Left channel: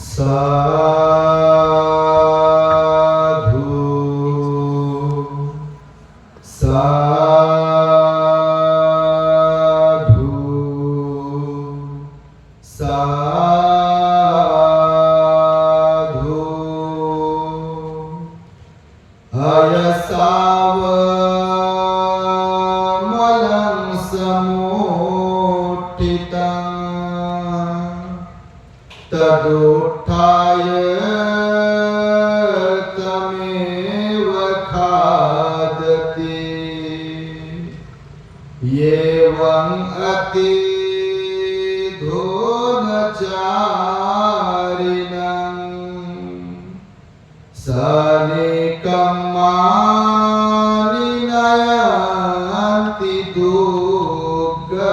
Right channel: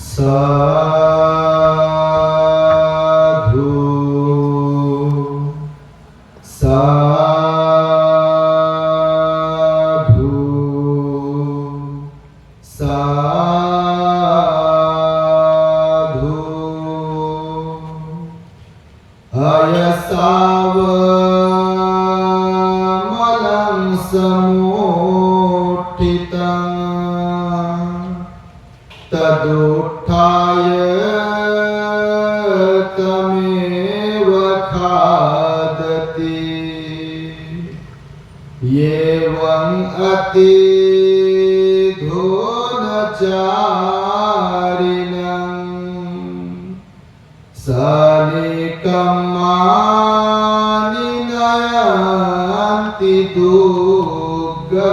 साधु साधु साधु अयसावमलं समुत्थितं तदुत्थाय तमेव खादति एवं अतिधोनचारिणं सनिकम्मानि नयन्ति दुर्गति।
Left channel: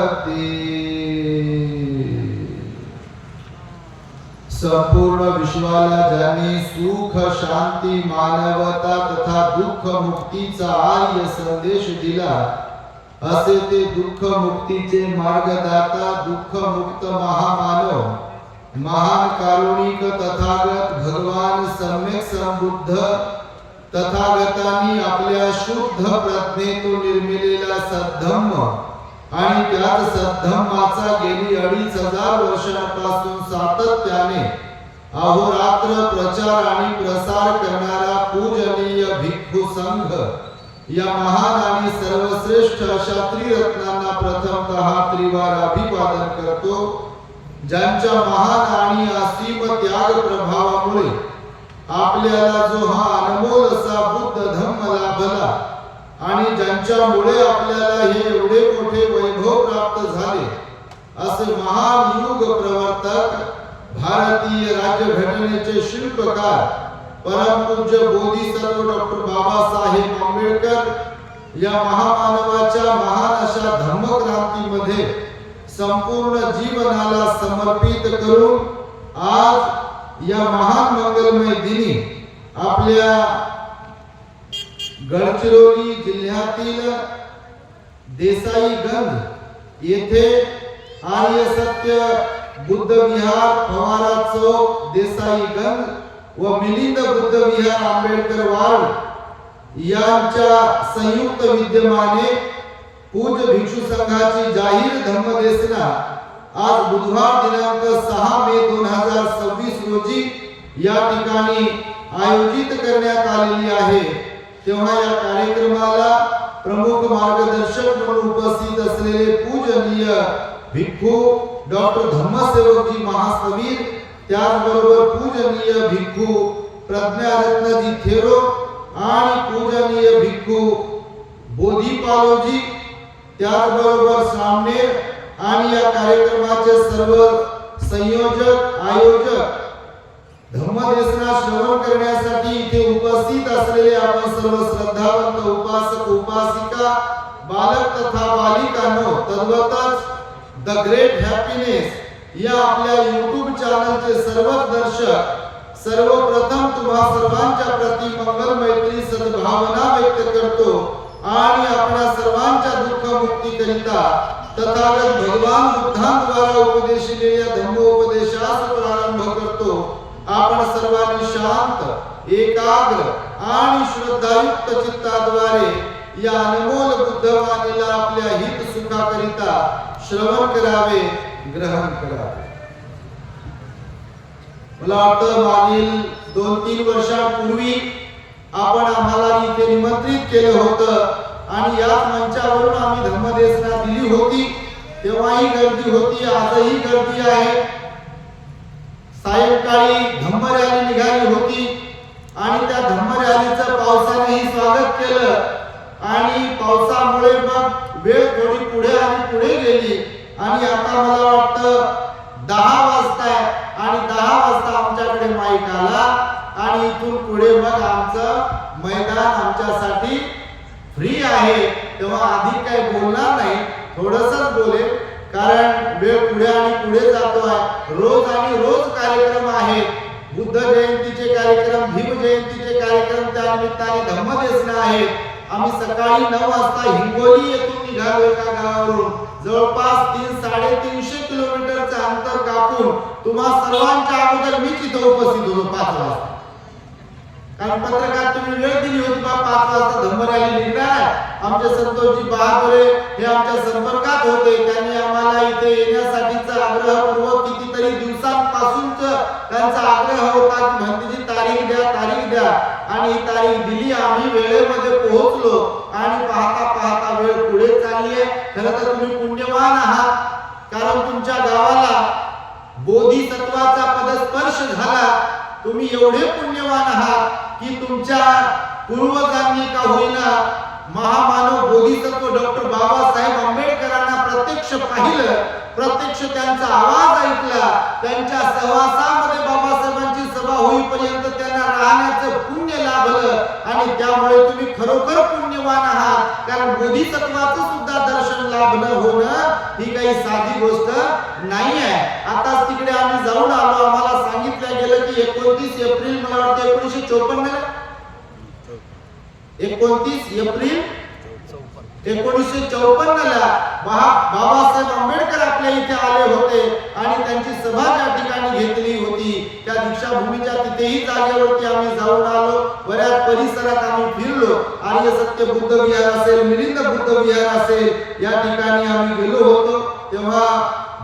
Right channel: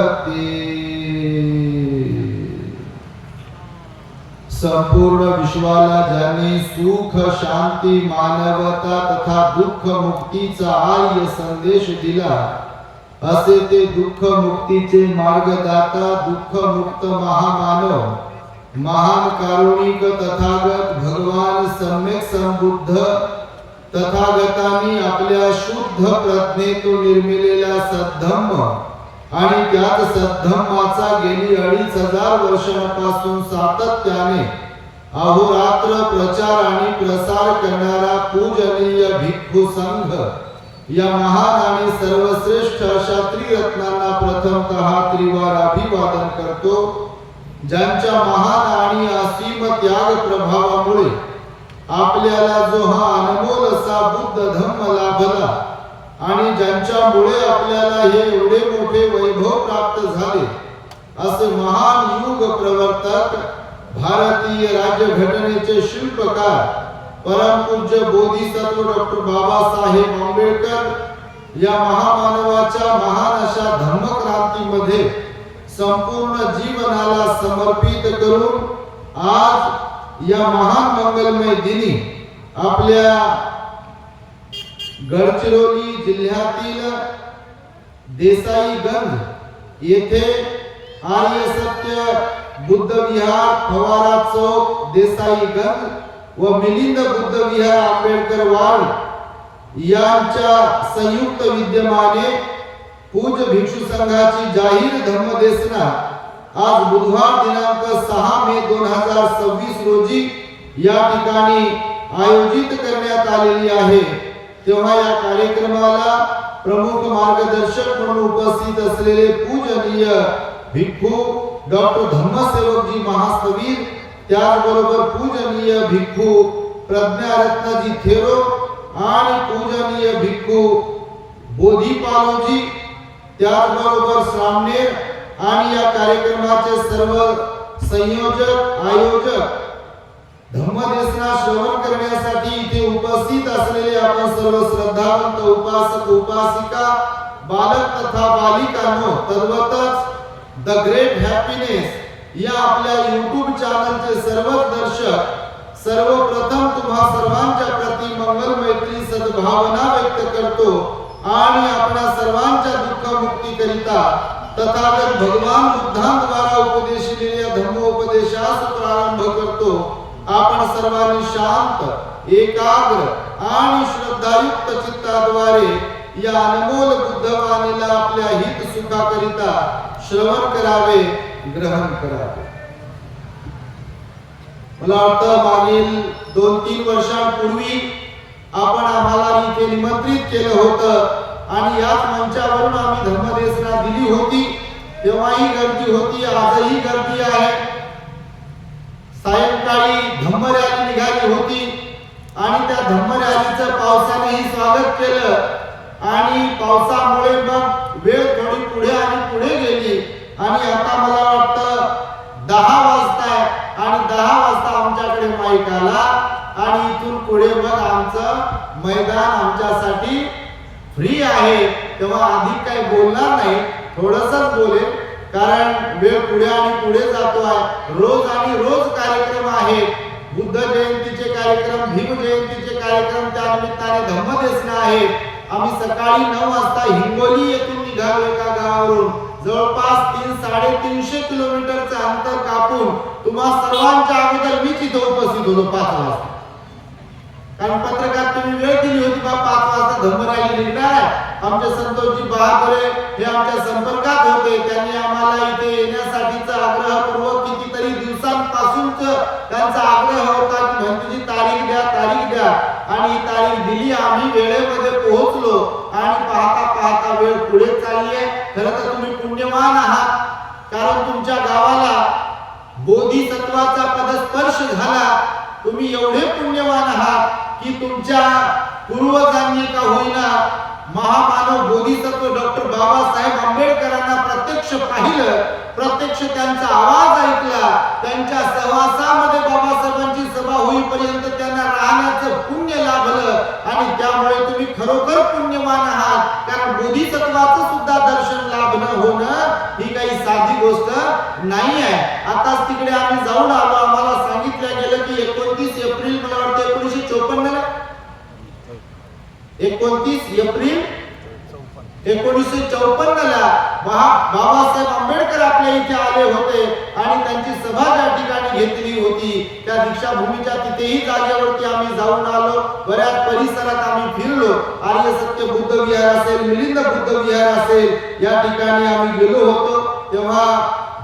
संपूर्ण विश्वाला ज्यांनी सुख शांती मानवता तथा दुःख मुक्तीचा आर्य संदेश दिला, असे ते दुःख मुक्तीचे मार्गदाता दुःख मुक्त महामानव महान कारुणिक तथागत भगवान सम्यक संबुद्ध तथागतांनी आपल्या शुद्ध प्रज्ञेतून निर्मिलेला सद्धम्म आणि त्यात सद्धम्माचा गेली 2500 वर्षांपासून सातत्याने अहोरात्र प्रचार आणि प्रसार करणारा पूजनीय भिक्खू संघ या महान आणि सर्वश्रेष्ठ अशा त्रिरत्नांना प्रथमतः त्रिवार अभिवादन करतो, ज्यांच्या महान आणि असीम त्याग प्रभावामुळे आपल्याला जो हा अनमोल असा बुद्ध धम्म लाभला आणि ज्यांच्यामुळे आपल्याला हे एवढे मोठे वैभव प्राप्त झाले, असे महान युग प्रवर्तक भारतीय राज्यघटनेचे शिल्पकार परमपूज्य बोधिसत्व डॉक्टर बाबासाहेब आंबेडकर या महामानवाच्या महान अशा धम्मक्रांतीमध्ये संपूर्ण जीवनाला समर्पित करून आज या महान मंगलमय दिनी आपल्या गडचिरोली जिल्ह्यातील देसाईगंज येथे आर्य सत्य बुद्ध विहार फवारा चौक देसाईगंज व मिलिंद बुद्ध विहार आंबेडकर वार्ड यांच्या संयुक्त विद्यमाने पूज्य भिक्षू संघाची जाहीर धम्मदेसना आज बुधवार दिनांक 6 मे 2026 रोजी या ठिकाणी आयोजित करण्यात आलेली आहे। तेव्हा या कार्यक्रमाला प्रमुख मार्गदर्शक म्हणून उपस्थित असलेले पूजनीय भिक्खू डॉक्टर धम्मसेवकजी महास्थवीर, त्याचबरोबर पूजनीय भिक्खू प्रज्ञारत्नजी थेरो आणि पूजनीय भिक्खू बोधिपालोजी, त्याचबरोबर सामनेर आणि या कार्यक्रमाचे सर्व संयोजक आयोजक धम्मदेसना श्रवण करण्यासाठी इथे उपस्थित असलेले आपण सर्व श्रद्धावंत उपासक उपासिका बालक तथा बालिकांनो, तद्वतच द ग्रेट हॅपीनेस या आपल्या YouTube चॅनलचे सर्वच दर्शक, सर्वप्रथम तुम्हा सर्वांच्या प्रती मंगल मैत्री सद्भावना व्यक्त करतो आणि आपल्या सर्वांच्या दुःख मुक्ती करिता तथागत भगवान बुद्धांद्वारा उपदेशिलेल्या धम्मोपदेशास प्रारंभ करतो। आपण सर्वांनी शांत, एकाग्र आणि श्रद्धायुक्त चित्ताद्वारे या अनमोल बुद्धवाणीला आपल्या हित सुखाकरिता श्रवण करावे, ग्रहण करावे। मला वाटतं मागील 2-3 वर्षांपूर्वी आपण आम्हाला इथे निमंत्रित केलं होतं आणि याच मंचावरून आम्ही धम्मदेसना दिली होती। तेव्हाही गर्दी होती, आजही गर्दी आहे। सायंकाळी धम्म रॅली निघाली होती आणि त्या धम्म रॅलीचं पावसानेही स्वागत केलं आणि पावसामुळे मग वेळ थोडी पुढे आणि पुढे गेली आणि आता मला वाटतं 10 वाजताय आणि 10 वाजता आमच्याकडे माईक आला आणि इथून पुढे मग आमचं मैदान आमच्यासाठी फ्री आहे। तेव्हा अधिक काही बोलणार नाही, थोडंसंच बोलेल, कारण वेळ पुढे आणि पुढे जातो आहे। रोज आणि रोज कार्यक्रम आहे, बुद्ध जयंतीचे कार्यक्रम, भीम जयंतीचे कार्यक्रम, त्यानिमित्ताने धम्मदेसना आहे। आम्ही सकाळी 9 वाजता हिंगोली येथून निघालो एका गावावरून, जवळपास 300-350 किलोमीटरचं अंतर कापून तुम्हा सर्वांच्या अगोदर मीच तिथं उपस्थित होतो 5 वाजता. कारण पत्रकार तुम्ही वेळ दिली होती 5 वाजता धम्म रॅली निघणार आहे. आमचे संतोषजी बहादुरे हे आमच्या संपर्कात होते. त्यांनी आम्हाला इथे येण्यासाठीचा आग्रहपूर्वक कितीतरी दिवसांपासूनच त्यांचा आग्रह होता की भंतीजी तारीख द्या आणि ही तारीख दिली. आम्ही वेळेमध्ये पोहोचलो आणि पाहता वेळ पुढे चालली आहे. खरं तर तुम्ही पुण्यवान आहात, कारण तुमच्या गावाला बोधिसत्वाचा पदस्पर्श झाला. तुम्ही एवढे पुण्यवान आहात की तुमच्या पूर्वजांनी का होईना महामानव बोधिसत्व डॉक्टर बाबासाहेब आंबेडकरांना प्रत्यक्ष पाहिलं, प्रत्यक्ष त्यांचा आवाज ऐकला. त्यांच्या सहवासामध्ये बाबासाहेबांची सभा होईपर्यंत त्यांना राहण्याचं पुण्य लाभलं आणि त्यामुळे तुम्ही खरोखर पुण्यवान आहात. कारण बोधिसत्वाचं सुद्धा दर्शन लाभणं होणं ही काही साधी गोष्ट नाही आहे. आताच तिकडे आम्ही जाऊन आलो. आम्हाला सांगितलं गेलं की 29 एप्रिल मला वाटतं 1954 ला 29 एप्रिल 1954 ला बाबासाहेब आंबेडकर आपल्या इथे आले होते आणि त्यांची सभा ज्या ठिकाणी घेतली होती त्या दीक्षाभूमीच्या तिथेही जागेवरती आम्ही जाऊन आलो. बऱ्याच परिसरात आम्ही फिरलो. आर्य सत्य बुद्ध विहार असेल, मिलिंद बुद्ध विहार असेल, या ठिकाणी आम्ही गेलो होतो. तेव्हा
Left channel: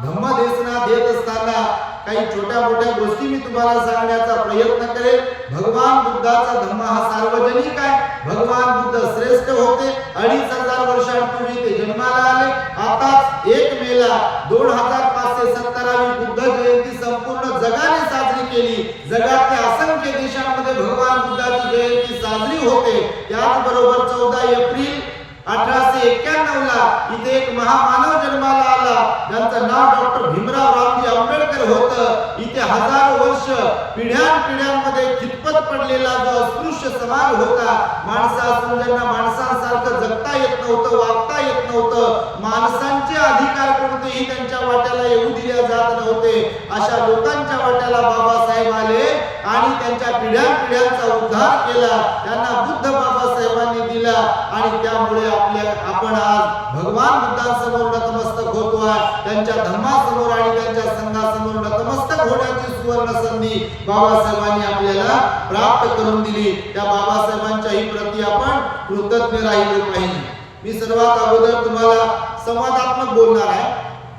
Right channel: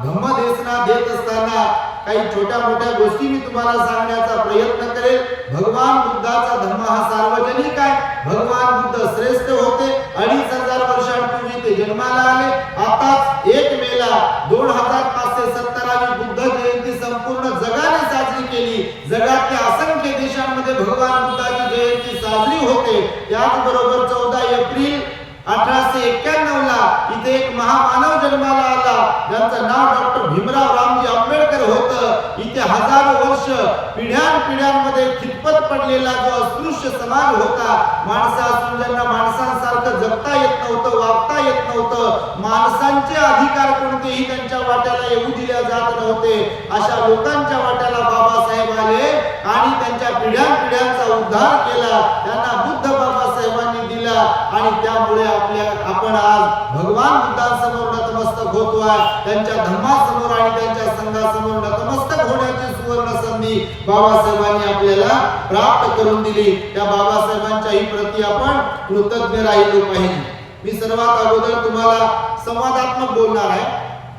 धम्मदेशना देत असताना काही छोट्या मोठ्या गोष्टी मी तुम्हाला सांगण्याचा प्रयत्न करेल. भगवान बुद्धाचा धम्म हा सार्वजनिक आहे. भगवान बुद्ध श्रेष्ठ होते. 2500 वर्षांपूर्वी ते जन्माला आले. आताच 1 मेला 2517वी बुद्ध जयंती संपूर्ण जगाने साजरी केली. जगातल्या असंख्य देशांमध्ये भगवान बुद्धाची जयंती साजरी होते. त्याचबरोबर 14 एप्रिल 1891 ला इथे एक महामानव जन्माला आला, ज्यांचं नाव डॉक्टर भीमराव रामजी आंबेडकर होतं. इथे हजारो वर्ष पिढ्यानपिढ्यांमध्ये खितपत पडलेला जो अस्पृश्य समाज होता, माणसं असून ज्यांना माणसांसारखं जगता येत नव्हतं, वागता येत नव्हतं, माणसांचे अधिकार कोणतेही त्यांच्या वाट्याला येऊ दिल्या जात नव्हते, अशा लोकांच्या वाट्याला बाबासाहेब आले आणि त्यांच्या पिढ्यानपिढ्यांचा उद्धार केला. त्यांना बुद्ध बाबासाहेबांनी दिला आणि त्यामुळे आपण आज भगवान बुद्धांसमोर नतमस्तक होतोय. त्यांच्या धम्मासमोर आणि त्यांच्या संघासमोर नतमस्तक होण्याची सुवर्ण संधी बाबासाहेबांनी आपल्याला प्राप्त करून दिली. त्या बाबासाहेबांच्याही प्रती आपण कृतज्ञ राहिलो पाहिजे. मी सर्वात अगोदर तुम्हाला संवादात्मक बोलणार आहे.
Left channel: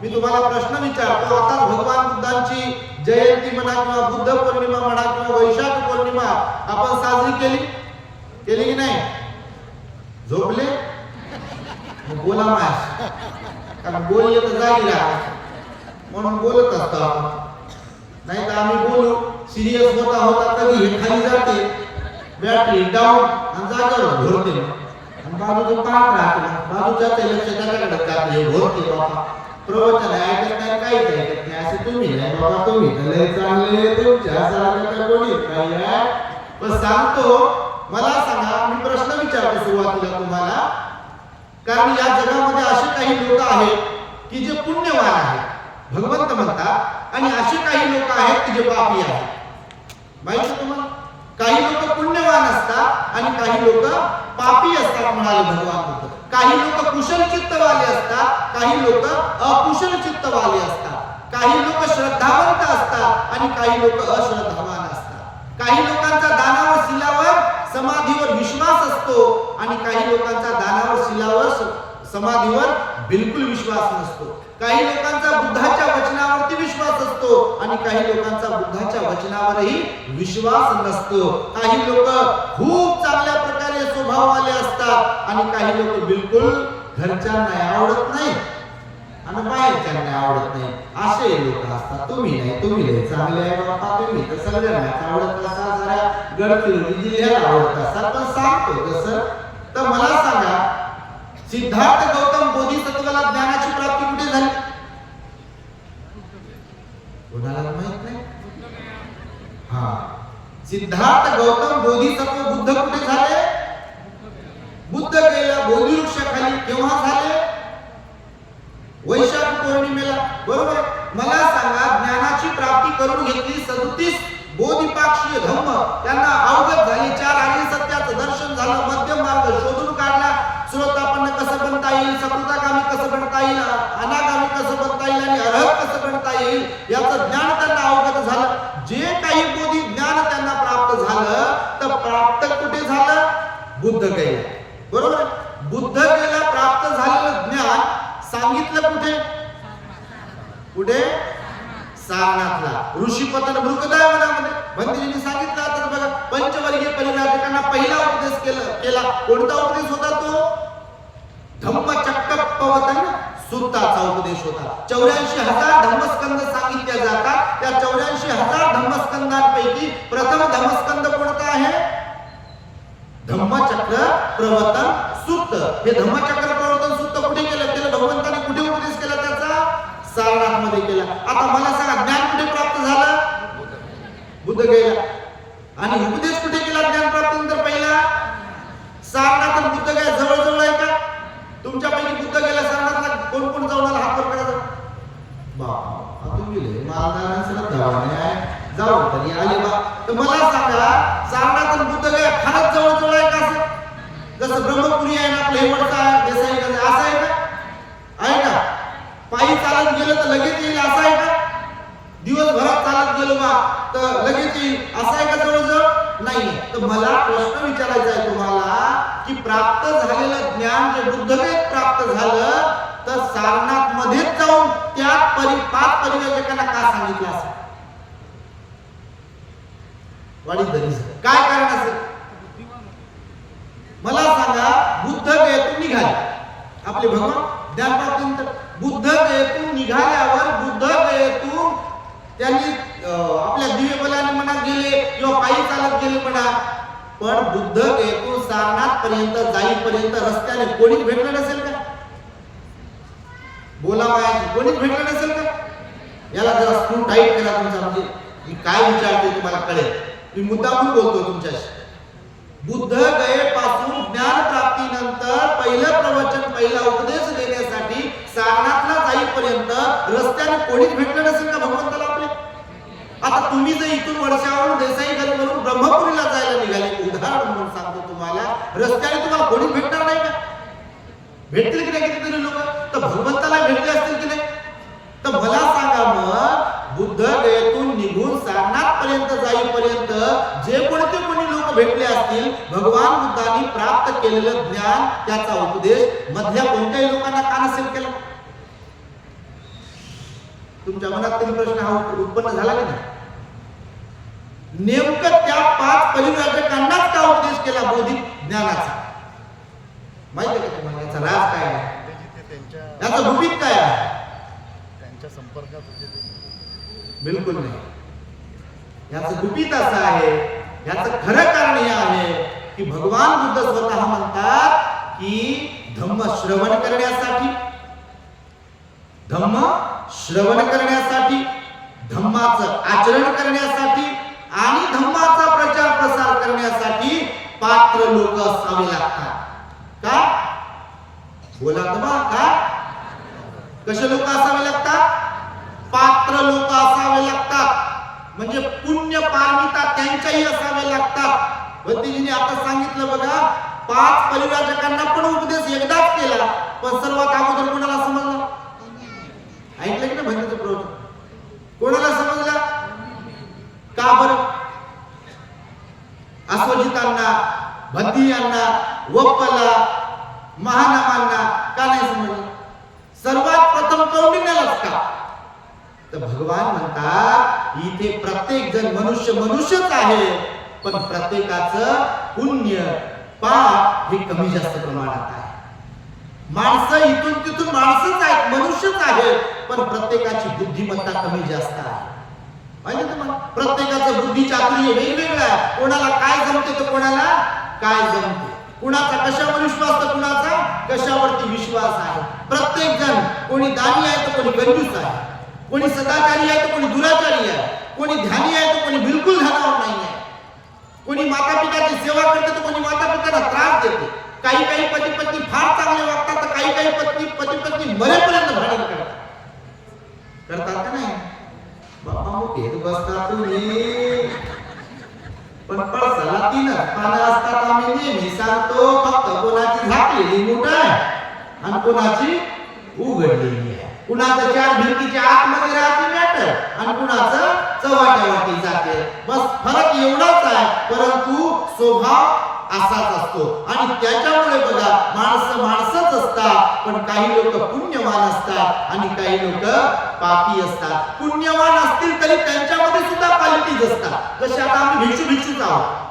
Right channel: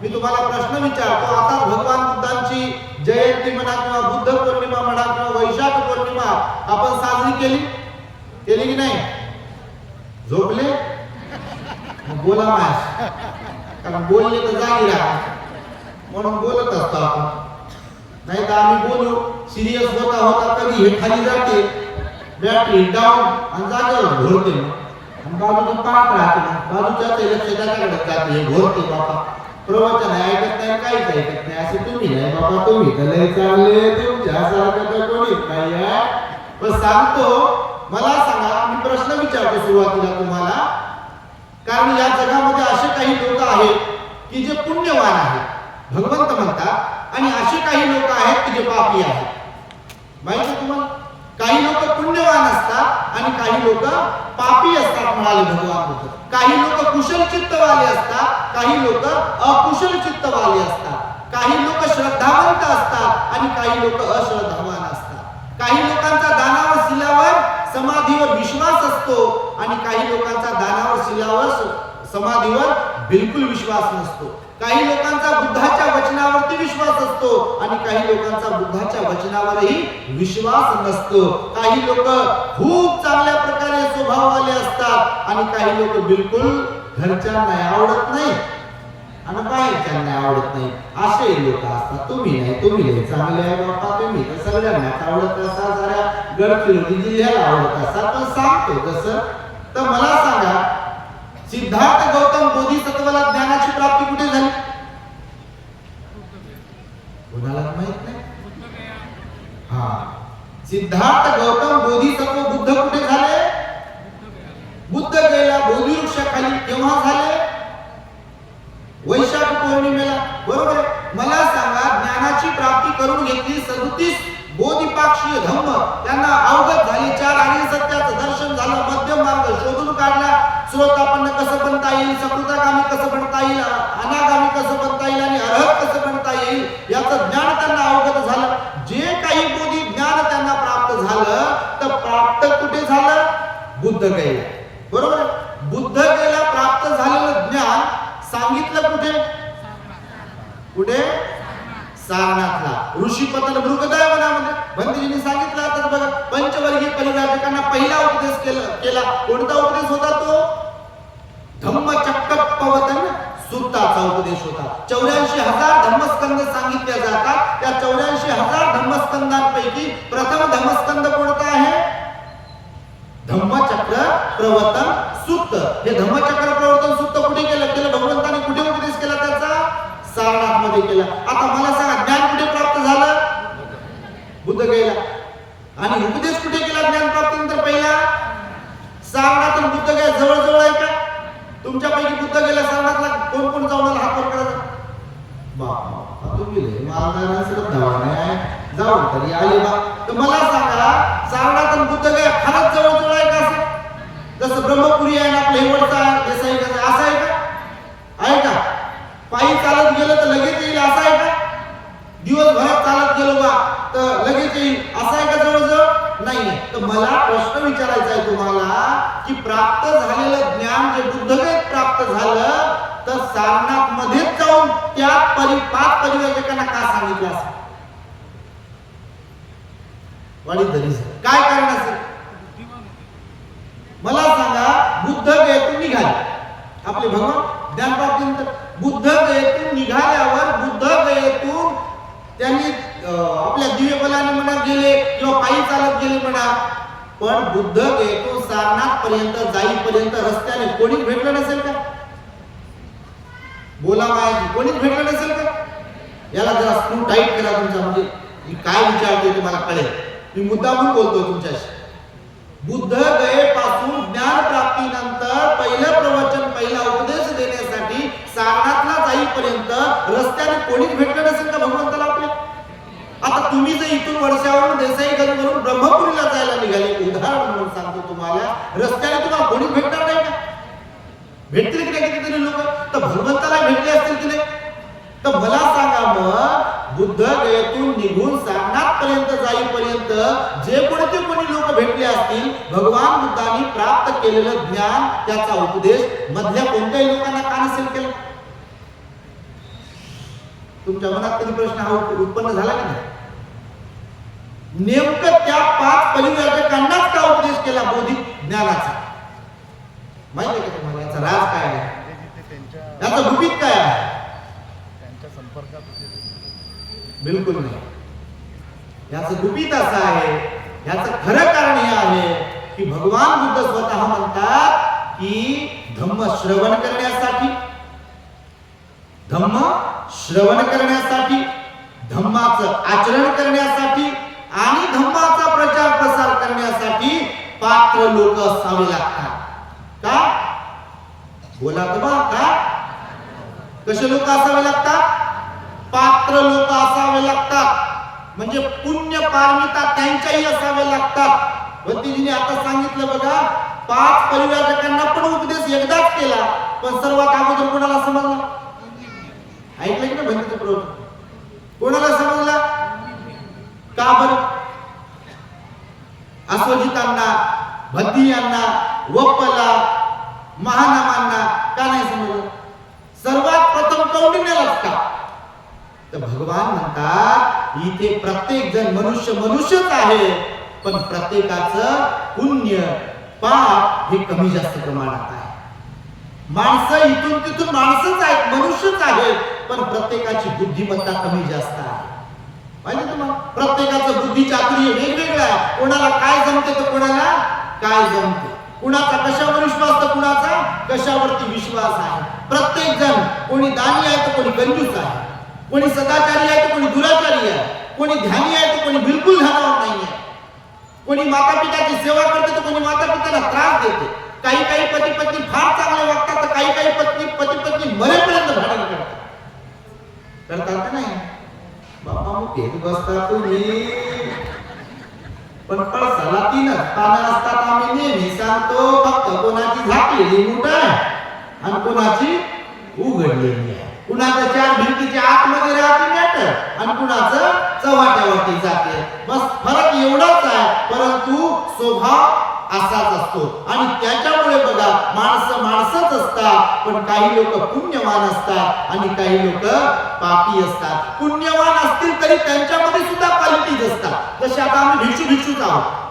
मी तुम्हाला प्रश्न विचारतो. आताच भगवान बुद्धांची जयंती म्हणा किंवा बुद्ध पौर्णिमा म्हणा किंवा वैशाख पौर्णिमा आपण साजरी केली की नाही? झोपले? बोला माया, कारण बोलले तर जागी राहा म्हणून बोलत असतो आपण. नाही तर आम्ही बोलू सिरियस होता होता कधी हे खाली जाते, बॅटरी डाऊन आणि जागेवर घोरते. मग बाजूचं पाहत राहते, बाजूच्याच लक्ष त्याच्याकडे जाते, हे घोरते बाबा. प्रवचन ऐकत नाही, काहीच ऐकत नाही. असे तुम्ही नाही बाबा, तुम्ही तर लय चांगले, तुमच्यासारखं तर कोणीच नाही आहे. पण सांगतो, मला सांगा, मी प्रश्न विचारतो सुरुवातीला तुम्हाला, कारण या जगामध्ये असे काही लोक आहेत की जे पुण्यवान आहेत, भगवंत म्हणतात, आणि असे काही लोक आहेत की जे पापी आहेत. माहिती आहे तुम्हाला? काही लोक पुण्यवान असतात आणि काही लोक पापी असतात म्हणाले भगवान बुद्ध. काही लोक कुशल चित्तवाले असतात, काही लोक अकुशल चित्तवाले असतात. काही लोक श्रद्धावंत असतात आणि काही लोक अश्रद्धावान असतात. काही लोकांचा दानावर शिलावर समाधीवर विश्वास असतो आणि काही लोकांचा दानावर शिलावर समाधीवर बिलकुल विश्वास नसतो. काही लोकांचा बुद्धाच्या वचनावरती विश्वास असतो आणि काही लोकांचा बुद्धाच्या वचनावरही विश्वास नसतो. काही लोक खूप चांगल्या प्रकारे स्वभाववाले असतात आणि काही लोक बिलकुल घरच्यांना आवडत नाही आणि बाहेरच्यांना आवडत नाही. असे लोक असतात. तुम्ही नाही, तुम्ही लय चांगले आहे बाबा, तुम्ही तर सगळ्यांनाच आवडत असाल, साऱ्या गडचिरोली जिल्ह्याला आवडत असाल. पण सांगतो जसं, तर मला सांगा, सिद्धार्थ गौतम बोधिसत्वाला ज्ञानाची प्राप्ती कुठे झाली? कोणालाच माहित नाही. हा, सिद्धार्थ गौतम बोधिसत्व बुद्ध कुठे झाले? बुद्ध गेला बोधिवृक्षाखाली. केव्हा झाले? वैशाख पौर्णिमेला. बरोबर आहे. मला सांगा, ज्ञानाची प्राप्ती करून घेतली 37 बोधिपाक्षीय धम्म त्यांना अवगत झाली. 4 आर्य सत्याचं दर्शन झालं. मध्यम मार्ग शोधून काढला. श्रोतापन्न कसं बनता येईल, सकृतागामी कसं बनता येईल, अनागामी कसं बनता येईल आणि अर्हत कसं बनता येईल याचं ज्ञान त्यांना अवगत झालं. जे काही बोधी ज्ञान त्यांना प्राप्त झालं तर प्राप्त कुठे झालं? बुद्धगयेला. बरोबर आहे. बुद्धगयेला प्राप्त झालेलं ज्ञान सांगितलं कुठे? कुठे? सारनाथला. ऋषीपतन मृगदय वनामध्ये भंतेजींनी सांगितलं. आता बघा, पंचवर्गीय परिव्राजकांना पहिला उपदेश केला. कोणता उपदेश होता तो? धम्मचक्कपवतन सुत्ताचा उपदेश होता. 84,000 धम्मस्कंद सांगितले जातात. त्या 84,000 धम्मस्कंदांपैकी प्रथम धम्मस्कंद कोणता आहे? धम्मचक्र प्रवर्तन सुत्त. हे धम्मचक्र प्रवर्तन सुत्त कुठे केलं? भगवंताने कुठे उपदेश केला त्याचा? सारनाथ मध्ये केला. आता मला सांगा, ज्ञान कुठे प्राप्त झालं? बुद्धगयेला. आणि उपदेश कुठे केला ज्ञान प्राप्तीनंतर? पहिला सारनाथ आणि बुद्धगया जवळ जवळ आहे का? तुमच्यापैकी बुद्धगयेला सारनाथला कोण कोण जाऊन आला? हात वर करा. बाबा तुम्ही मालदार श्रद्धावान आहे, जाऊन तरी आले बा. तर मला सांगा, सारनाथ आणि बुद्धगया फारच जवळ जवळ आहे का? असं जसं ब्रह्मपुरी आहे ना आपलं हेवडचा आहे, देसाई कसं असं आहे का? आहे का? पायी चालत गेलं तर लगेच येईल असं आहे का? दिवसभरात चालत गेलो बा तर लगेच येईल असं आहे का? जवळजवळ नाहीये. तर मला प्रश्न विचारायचा आहे तुम्हाला की प्राप्त झालेलं ज्ञान जे बुद्धगयेत प्राप्त झालं तर सारनाथ मध्येच जाऊन त्यात 5 परिव्राजकांना का सांगितलं असं? काय कारण असेल? मला सांगा. बुद्धगयेतून निघाले आपले भगवान ज्ञानप्राप्तीनंतर. बुद्धगयेतून निघाल्यावर बुद्धगयेतून त्यांनी आपल्या दिव्य बलाने म्हणा गेले किंवा पायी चालत गेले म्हणा, पण बुद्धगयेतून सारनाथ पर्यंत जाईपर्यंत रस्त्याने कोणीच भेटलं नसेल का? बोला मायाजी, कोणीच भेटलं नसेल का? याला जरा स्क्रू टाईट करा तुमचा, म्हणजे मी काय विचारतोय तुम्हाला कळेल. मी मुद्दामून बोलतोय तुमच्याशी. बुद्धगयेपासून ज्ञान प्राप्तीनंतर पहिलं प्रवचन, पहिला उपदेश देण्यासाठी सारनाथला जाईपर्यंत रस्त्याने कोणीच भेटलं नसेल का भगवंताला आपल्या? आता तुम्ही जर इथून वडशावरून देसाईगंजवरून ब्रह्मपुरीला जायला निघाले, उदाहरण म्हणून सांगतो तुम्हाला, रस्त्याने तुम्हाला कोणीच भेटणार नाही का? भेटतील की नाही कितीतरी लोक? तर भगवंताला भेटले असतील की नाही? तर मला सांगा, मग बुद्धगयेतून निघून सारनाथ पर्यंत जाईपर्यंत जे कोणी लोक भेटले असतील, भगवान बुद्धांनी प्राप्त केलेलं ज्ञान, त्याचा उपदेश मधल्या कोणत्याही लोकांना का नसेल केला? तुमच्या मनात कधी प्रश्न हा उत्पन्न झाला की नाही? नेमकं त्या 5 परिव्राजकांनाच का उपदेश केला बौद्धिक ज्ञानाचा? माहिती आहे का तुम्हाला याचा राज काय आहे? याचं गुपित काय आहे? त्यांच्या संपर्कात बिलकुल नाही. याचं गुपित असं आहे, याचं खरं कारण हे आहे की भगवान बुद्ध स्वतः म्हणतात की धम्म श्रवण करण्यासाठी, धम्माचं आचरण करण्यासाठी आणि धम्माचा प्रचार प्रसार करण्यासाठी पात्र लोक असावे लागतात. का? बोला तर बा, काय? कसे लोक असावे लागतात? पात्र लोक असावे लागतात. म्हणजे पुण्य पारमिता त्यांच्याही असावे लागतात. भंतेजींनी आता सांगितलं बघा, 5 परिव्राजकांना पण उपदेश एकदाच केला, पण सर्वात अगोदर कोणाला समजला? ऐकलं की ना भंतेचं प्रवचन? कोणाला समजला? का बरं? अश्वजितांना, भद्दियांना, वप्पला, महानामांना का नाही समजलं? सर्वात प्रथम कौंडिन्यालाच का? तर भगवान म्हणतात इथे प्रत्येक जण मनुष्यच आहे, पण प्रत्येकाचं पुण्य पाप हे कमी जास्त प्रमाणात आहे. माणसं इथून तिथून माणसंच आहेत, मनुष्यच आहेत, पण प्रत्येकाची बुद्धिमत्ता कमी जास्त आहे. माहिती तुम्हाला? प्रत्येकाचं बुद्धी चातुर्य वेगवेगळं आहे. कोणाला काय जमते तर कोणाला काय जमते, कुणाचा कशावर विश्वास तर कुणाचा कशावरती विश्वास आहे. प्रत्येक जण, कोणी दानी आहे तर कोणी कंजूस आहे, कोणी सदाचारी आहे तर कोणी दुराचारी आहे, कोणी ध्यानी आहे तर कोणी बिलकुल ध्यानावर नाही आहे, कोणी माता पिताची सेवा करते तर कोणी माता पिताला त्रास देते. काही पती पत्नी फार चांगले वागतात तर काही पती पत्नी मरेपर्यंत भांडण करतात का नाही? बापा मग एक बसता तुम्ही, पण पळसाला 3च पानं असतात. आम्ही नेहमी सांगतो, फक्त कोणाची झाकलेली मूठ आहे आणि कोणाची उघडलेली आहे. कुणाचं 4 भिंतीच्या आतमध्ये राहते मॅटर आणि कुणाचं वाट्यावरती जाते. बस फरक एवढाच आहे, परंतु स्वभाव असाच असतो. आणि त्याच्यामुळे बघा माणसं माणसंच असतात, पण काही लोक पुण्यवान असतात आणि काही लोक पापी असतात. पुण्यवान असतील तरी त्यांच्यामध्ये सुद्धा क्वालिटीज असतात. जसे आता आम्ही भिक्षूच आहोत,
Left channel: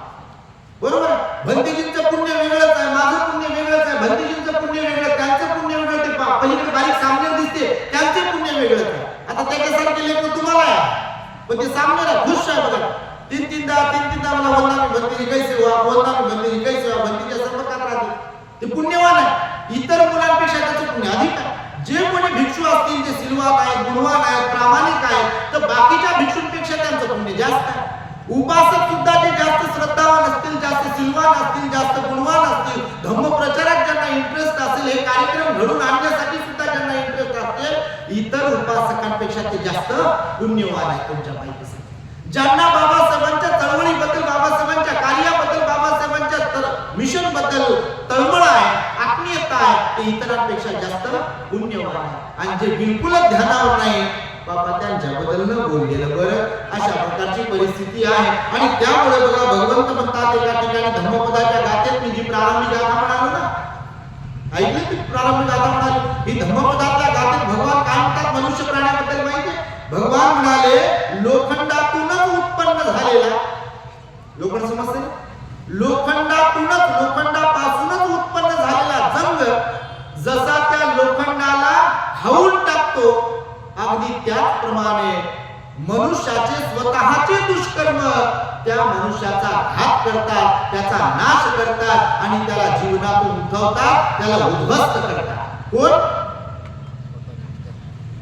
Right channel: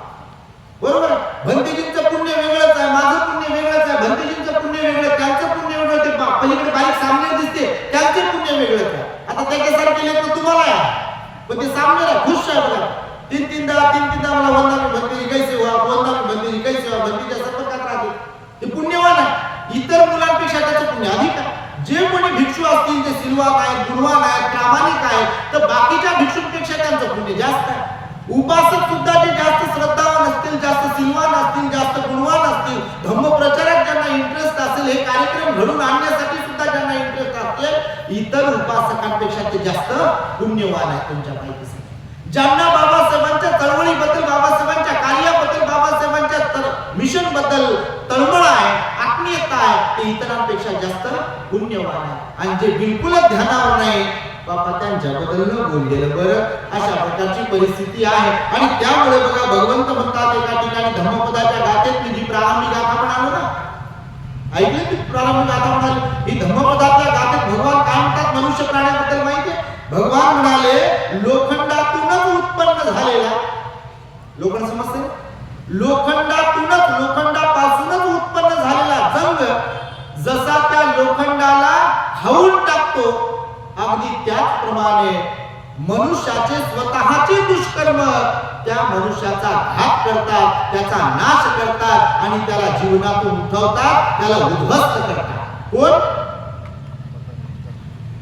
बरोबर आहे. भंतेजींचं पुण्य वेगळंच आहे, माझं पुण्य वेगळंच आहे. भंतेजींचं पुण्य वेगळं, त्यांचं पुण्य वेगळं. ते पलीकडे बारीक सामनेर दिसते, त्यांचे पुण्य वेगळंच आहे. आता त्याच्यासारखे लेकरं तुम्हाला आहे, पण ते सामनेर आहे, खुश आहे. बघा तीन तीनदा मला वंदामी भंतेजी कैसे हुआ, वंदामी भंतेजी कैसे हुआ, भंतेच्या संपर्कात राहते. ते पुण्यवान आहे. इतर मुलांपेक्षा त्याचं पुण्य अधिक आहे. जे कोणी भिक्षू असतील ते सिलवान आहेत, गुणवान आहेत, प्रामाणिक आहेत, तर बाकीच्या भिक्षूंपेक्षा त्यांचं पुण्य जास्त आहे. उपासक सुद्धा जे जास्त श्रद्धावान असतील, जास्त सिलवान असतील, जास्त गुणवान असतील, धम्मप्रचारात ज्यांना इंटरेस्ट असेल, हे कार्यक्रम घडून आणण्यासाठी सुद्धा ज्यांना इंटरेस्ट असेल, इतर उपासकांपेक्षा ते जास्त पुण्यवान आहेत तुमच्या माहितीसाठी. ज्यांना बाबासाहेबांच्या चळवळीबद्दल, बाबासाहेबांच्या कार्याबद्दल, बाबासाहेबांच्या मिशन बद्दल तळमळ आहे, आत्मीयता आहे, ते इतरांपेक्षा जास्त पुण्यवान आहे. आणि जे बिलकुलच ध्यानावर नाही, बाबा त्यांच्याबद्दल न बोललेलं बरं. अशा प्रकारची परिस्थिती आहे. आणि त्यामुळे बघा भगवंत म्हणतात एका ठिकाणी धम्मपदाच्या गाथेत, मी जी प्रारंभी गाथा म्हणालो ना, ऐकले ती प्रारंभी गाथा म्हणाली, ही धम्मपदातल्या गाथेत भगवान काय म्हणतात मनुष्य प्राण्याबद्दल माहितीये? भगवान म्हणाले लोखंडातूनच उत्पन्न झालेला, लोखंड समजते ना, लोखंडापासूनच उत्पन्न झालेला जंग जसा त्या लोखंडाला खाऊन टाकतो, अगदी त्याचप्रमाणे मनुष्याचे स्वतःचे दुष्कर्म त्या मनुष्याचा घात करतात, त्याचा नाश करतात आणि त्याला जीवनातून उठवतात, त्याला उद्ध्वस्त करतात.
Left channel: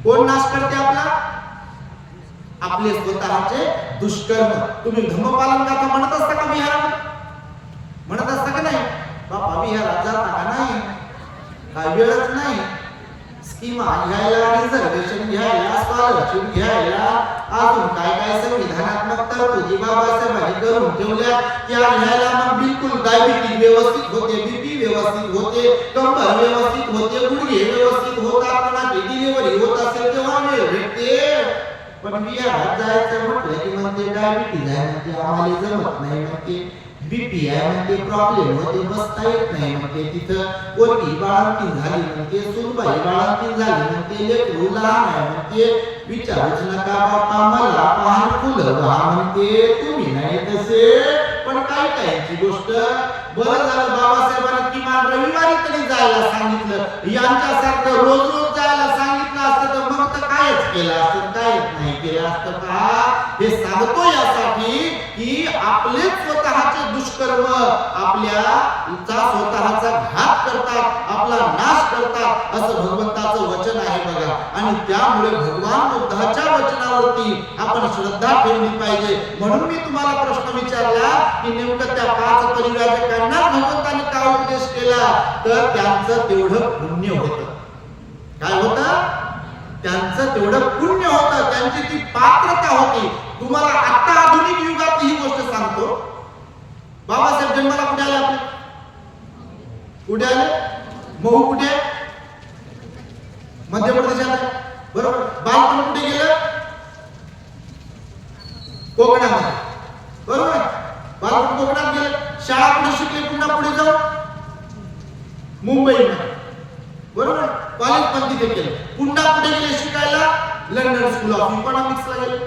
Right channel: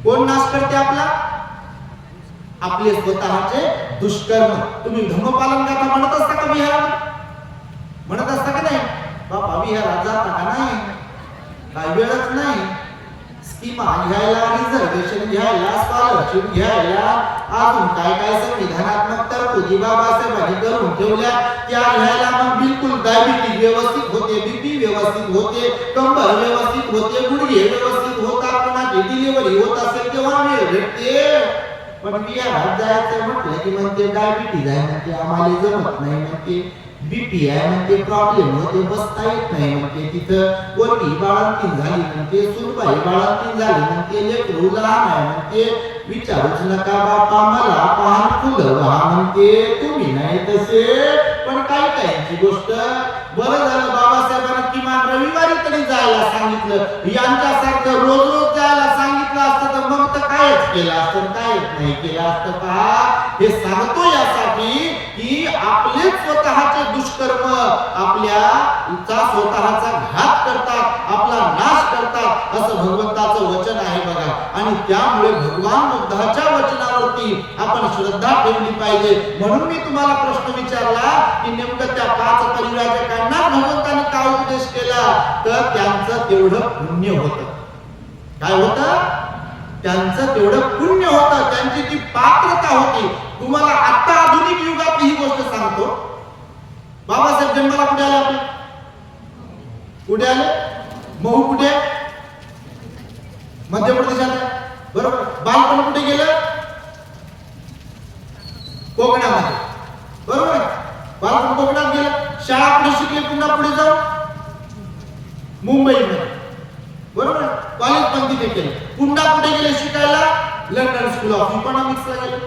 कोण नाश करते आपला? आपले स्वतःचे दुष्कर्म. तुम्ही धम्मपालन गाथा म्हणत असता का विहारामध्ये? म्हणत असता का नाही? बापा विहारात जाता का नाही? काय वेळच नाही. स्कीमा घ्यायला, रिझर्वेशन घ्यायला, स्कॉलरशिप घ्यायला, अजून काय काय संविधानात्मक तरतुदी बाबासाहेबांनी करून ठेवल्या त्या घ्यायला. मग बिलकुल डायबिटीज व्यवस्थित होते, बीपी व्यवस्थित होते, कंबर व्यवस्थित होते, गुडघे व्यवस्थित होतात, कोणाची डिलिव्हरी होत असेल तेव्हा वेळ भेटते. पण विहारात जायचं म्हटलं की म्हणते डायबिटीज आहे, म्हणते आम्हाला जमत नाही, म्हणते बीपी आहे, म्हणते प्रॉब्लेम होते, बसता येत नाही, म्हणते तिथं पोरगी बाळंतीण झाली, म्हणते सुनबाई बाळंतीण झाली, म्हणते लेकरू लहान आहे, म्हणते विचारूच नका बापा मला पान फुलं व्हा, म्हणते तुम्ही नाही तसे. पण काही काहींची गोष्ट बरं झालं बाबासाहेबांनी किमान रविवारी तरी जायला सांगितलं. यांच्यासारखं रोज रोज जायला सांगितलं असतं तर मग तर कायच केलं असतं, कायच नाही केलं असतं. पहा, हे सांगतो यासाठी की आपले स्वतःचे दुष्कर्म आपल्याचा स्वतःचा घात करतात, आपला नाश करतात, असं भगवंताचं वचन आहे बघा. आणि त्यामुळे भगवान बुद्धाच्या वचनावरती आपण श्रद्धा ठेवली पाहिजे. म्हणून मी तुम्हाला प्रश्न विचारला की नेमकं त्या 5 परिव्राजकांनाच भगवंताने का उपदेश केला? तर त्यांचं तेवढं पुण्य होतं. काय होतं? त्यांचं तेवढं पुण्य होतं, त्यांची ती पात्रता होती. तुम्हाला आता आधुनिक युगात ही गोष्ट सांगतो. बाबासाहेब जन्माला कुठे आले? आपले कुठे आले? महू कुठे? मध्य प्रदेशात आहे, बरोबर. बालपण कुठे गेलं? कोकणामध्ये, बरोबर आहे. बालपण कोकणात गेलं. शाळा पुढे शिकले, पुन्हा पुढे जाऊन मुंबईमध्ये, बरोबर. कॉलेज पण तिथे केलं. पुन्हा कुठे गेले शिकायला? लंडन स्कूल ऑफ इकॉनॉमिक्सला गेले,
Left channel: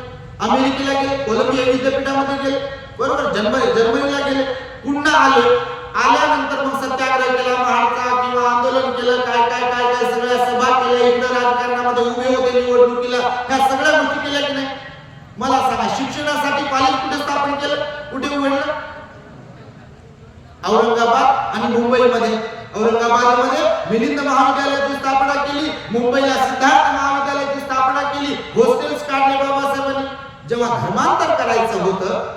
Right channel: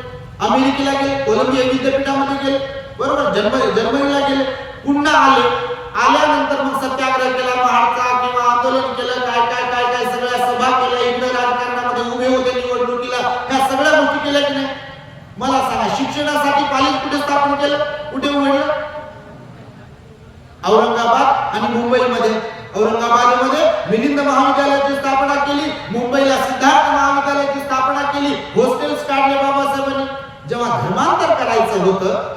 अमेरिकेला गेले, कोलंबिया विद्यापीठामध्ये गेले, बरोबर. जर्मनीला गेले. पुन्हा आले. आल्यानंतर मग सत्याग्रह केला, महाडचा किंवा आंदोलन केलं, काय काय काय काय सगळ्या सभा केल्या, इकडे राजकारणामध्ये उभे होते, निवडणुकीला, ह्या सगळ्या गोष्टी केल्या की नाही? मला सांगा, शिक्षणासाठी कॉलेज कुठे स्थापन केलं, कुठे उघडलं? औरंगाबाद आणि मुंबईमध्ये. औरंगाबादमध्ये मिलिंद महाविद्यालयाची स्थापना केली, मुंबईला सिद्धार्थ महाविद्यालयाची स्थापना केली, हॉस्टेल्स काढले बाबासाहेबांनी. जेव्हा धर्मांतर करायचं होतं,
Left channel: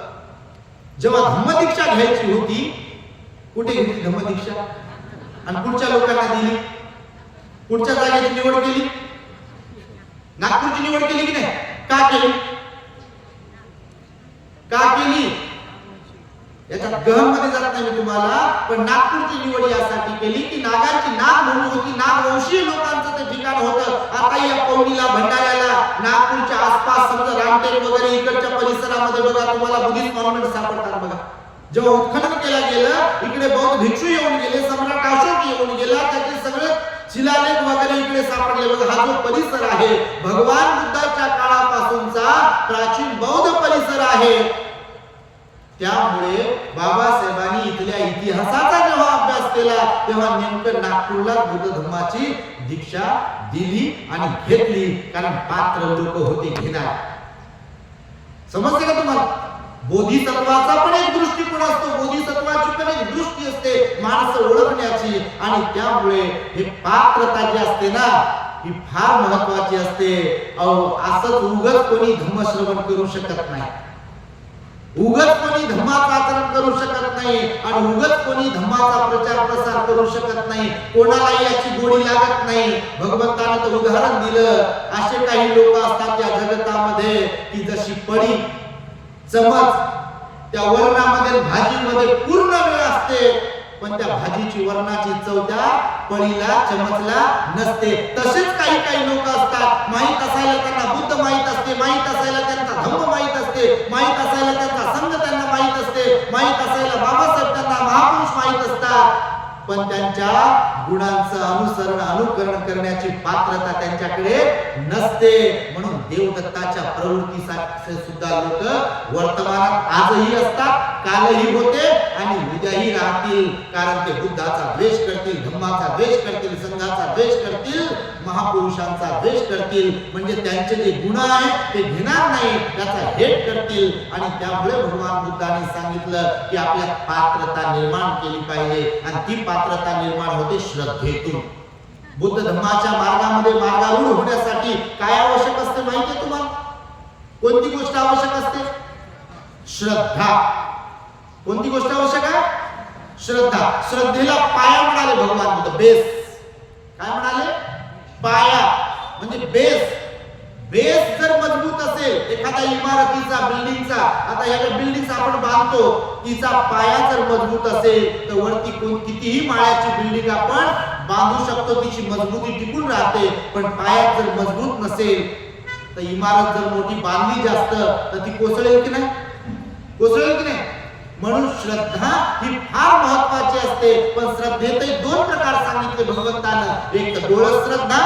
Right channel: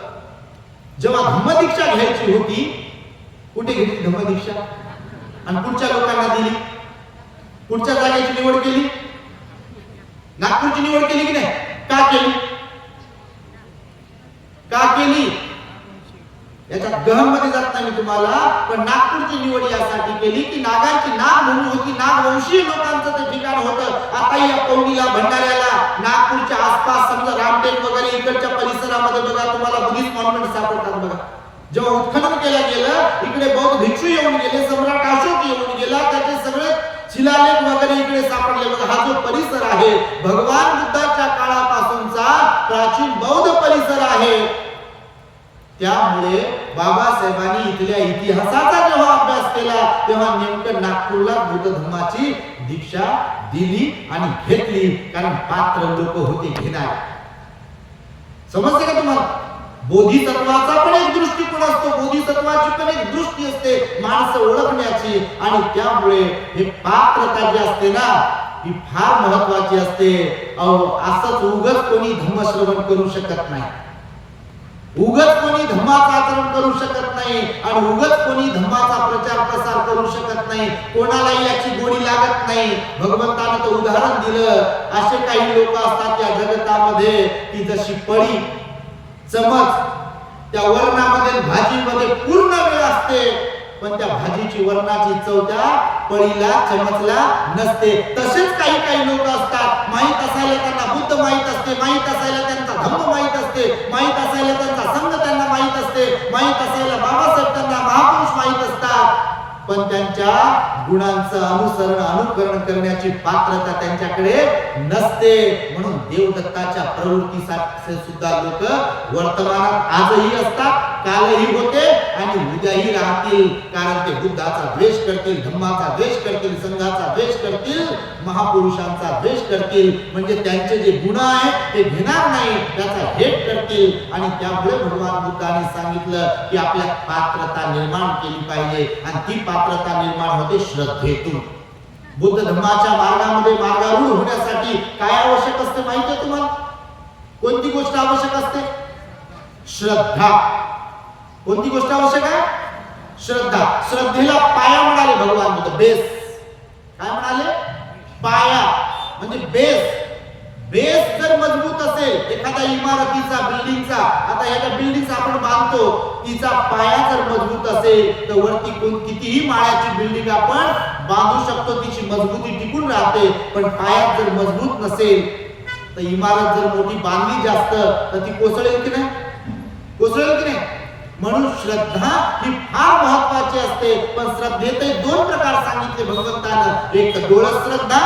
जेव्हा धम्मदीक्षा घ्यायची होती, कुठे घेतली धम्मदीक्षा आणि कुठच्या लोकांना दिली? कुठच्या जागेची निवड केली? नागपूरची निवड केली की नाही? का केली? का केली? याच्यात गहन मध्ये जात नाही मी तुम्हाला, पण नागपूरची निवड यासाठी केली की नागांची नागभूमी होती, नागवंशीय लोकांचं ते ठिकाण होतं. आता या पवनीला, भंडाऱ्याला, नागपूरच्या आसपास समजा रामटेक वगैरे इकडच्या परिसरात मध्ये बघा तुम्हाला बुद्धिस्ट मॉन्युमेंट सापडतात बघा. जेव्हा उत्खनन केलं गेलं इकडे बौद्ध भिक्षू येऊन गेले, सम्राट अशोक येऊन गेला, त्याचे सगळे शिलालेख वगैरे इकडे सापडले बघा. हा जो परिसर आहे भगवान बुद्धाच्या काळापासूनचा प्राचीन बौद्ध परिसर आहे. त्यामुळे बाबासाहेबांनी इथल्या इतिहासाचा जेव्हा अभ्यास केला तेव्हा नेमकं नागपूरला बुद्ध धम्माची दीक्षा दिली आणि घेतली, कारण पात्र लोक होते घेणार. समजते का तुम्हाला? बोधिसत्वाचा पण एक दृष्टिकोन असतो, बोधिसत्वाची पण एक दृष्टी असते माणसं ओळखण्याची, आणि त्यामुळे हे पात्रता जी असते ना ही फार महत्वाची असते. असंच उगच कोणी धम्मश्रवण करू शकत नाही, उगच कोणी धम्माचं आचरण करू शकत नाही, आणि उगच कोणी धम्माचा प्रचार प्रसार करू शकत नाही. कोणालाही याची गोडी लागत नाही. भगवंताने तर उदाहरण दिलं, असे काही लोक असतात या जगतामध्ये की जशी पळी चमच त्या वर्णामध्ये भाजीमध्ये पूर्ण वेळ असते, पण त्या भाजीची वर्णाची चव त्या पळीला चमचला नसते. तसेच काही काही लोक असतात, माहित असायला त्यांना बुद्ध माहित असते, माहित असायला त्यांचा धम्म माहित असते, माहित असायला त्यांचा संघ त्यांना माहित असते, माहित असायला बाबासाहेब त्यांना महापुरुष माहित असतात, पण त्यांच्या गुणांचं अनुकरण करण्याची पात्रता त्यांच्याकडे नसते. म्हणून देवदत्ताच्या प्रवृत्तीसाठी सुद्धा लोक वर्तमानात आजही असतात, कालही होते आणि उद्याही राहतील. कारण ते बुद्धाचा द्वेष करतील, धम्माचा द्वेष करतील, संघाचा द्वेष करतील, महापुरुषांचा द्वेष करतील. म्हणजे त्यांचे जे गुण आहेत ते घेणार नाही, त्याचा हेट करतील. आणि त्यामुळे भगवान बुद्धाने सांगितलं की आपल्यात पात्रता निर्माण केली पाहिजे, आणि ती पात्रता निर्माण होते श्रद्धेतून. बुद्ध धम्माच्या मार्गामध्ये मार्गारूढ होण्यासाठी काय आवश्यक असते माहिती आहे तुम्हाला? कोणती गोष्ट आवश्यक असते? श्रद्धा. कोणती गोष्ट आवश्यक आहे? श्रद्धा. श्रद्धेला पाया म्हणाले भगवान बुद्ध. बेस काय म्हणाले? पाया म्हणजे बेस. बेस जर मजबूत असेल एखाद्या इमारतीचा, बिल्डिंगचा, आता ह्या बिल्डिंग आपण बांधतो, तिचा पाया जर मजबूत असेल तर वरती कितीही माळ्याची बिल्डिंग आपण बांधू शकतो, तिची मजबूती टिकून राहते. पण पायात जर मजबूत नसेल तर इमारत जर मोठी बांधली जास्त तर ती कोसळेल की नाही? कोसळेल की नाही? म्हणून श्रद्धा ही फार महत्वाची असते. पण श्रद्धेतही दोन प्रकार सांगितले भगवंतानं. एक तर डोळस श्रद्धा,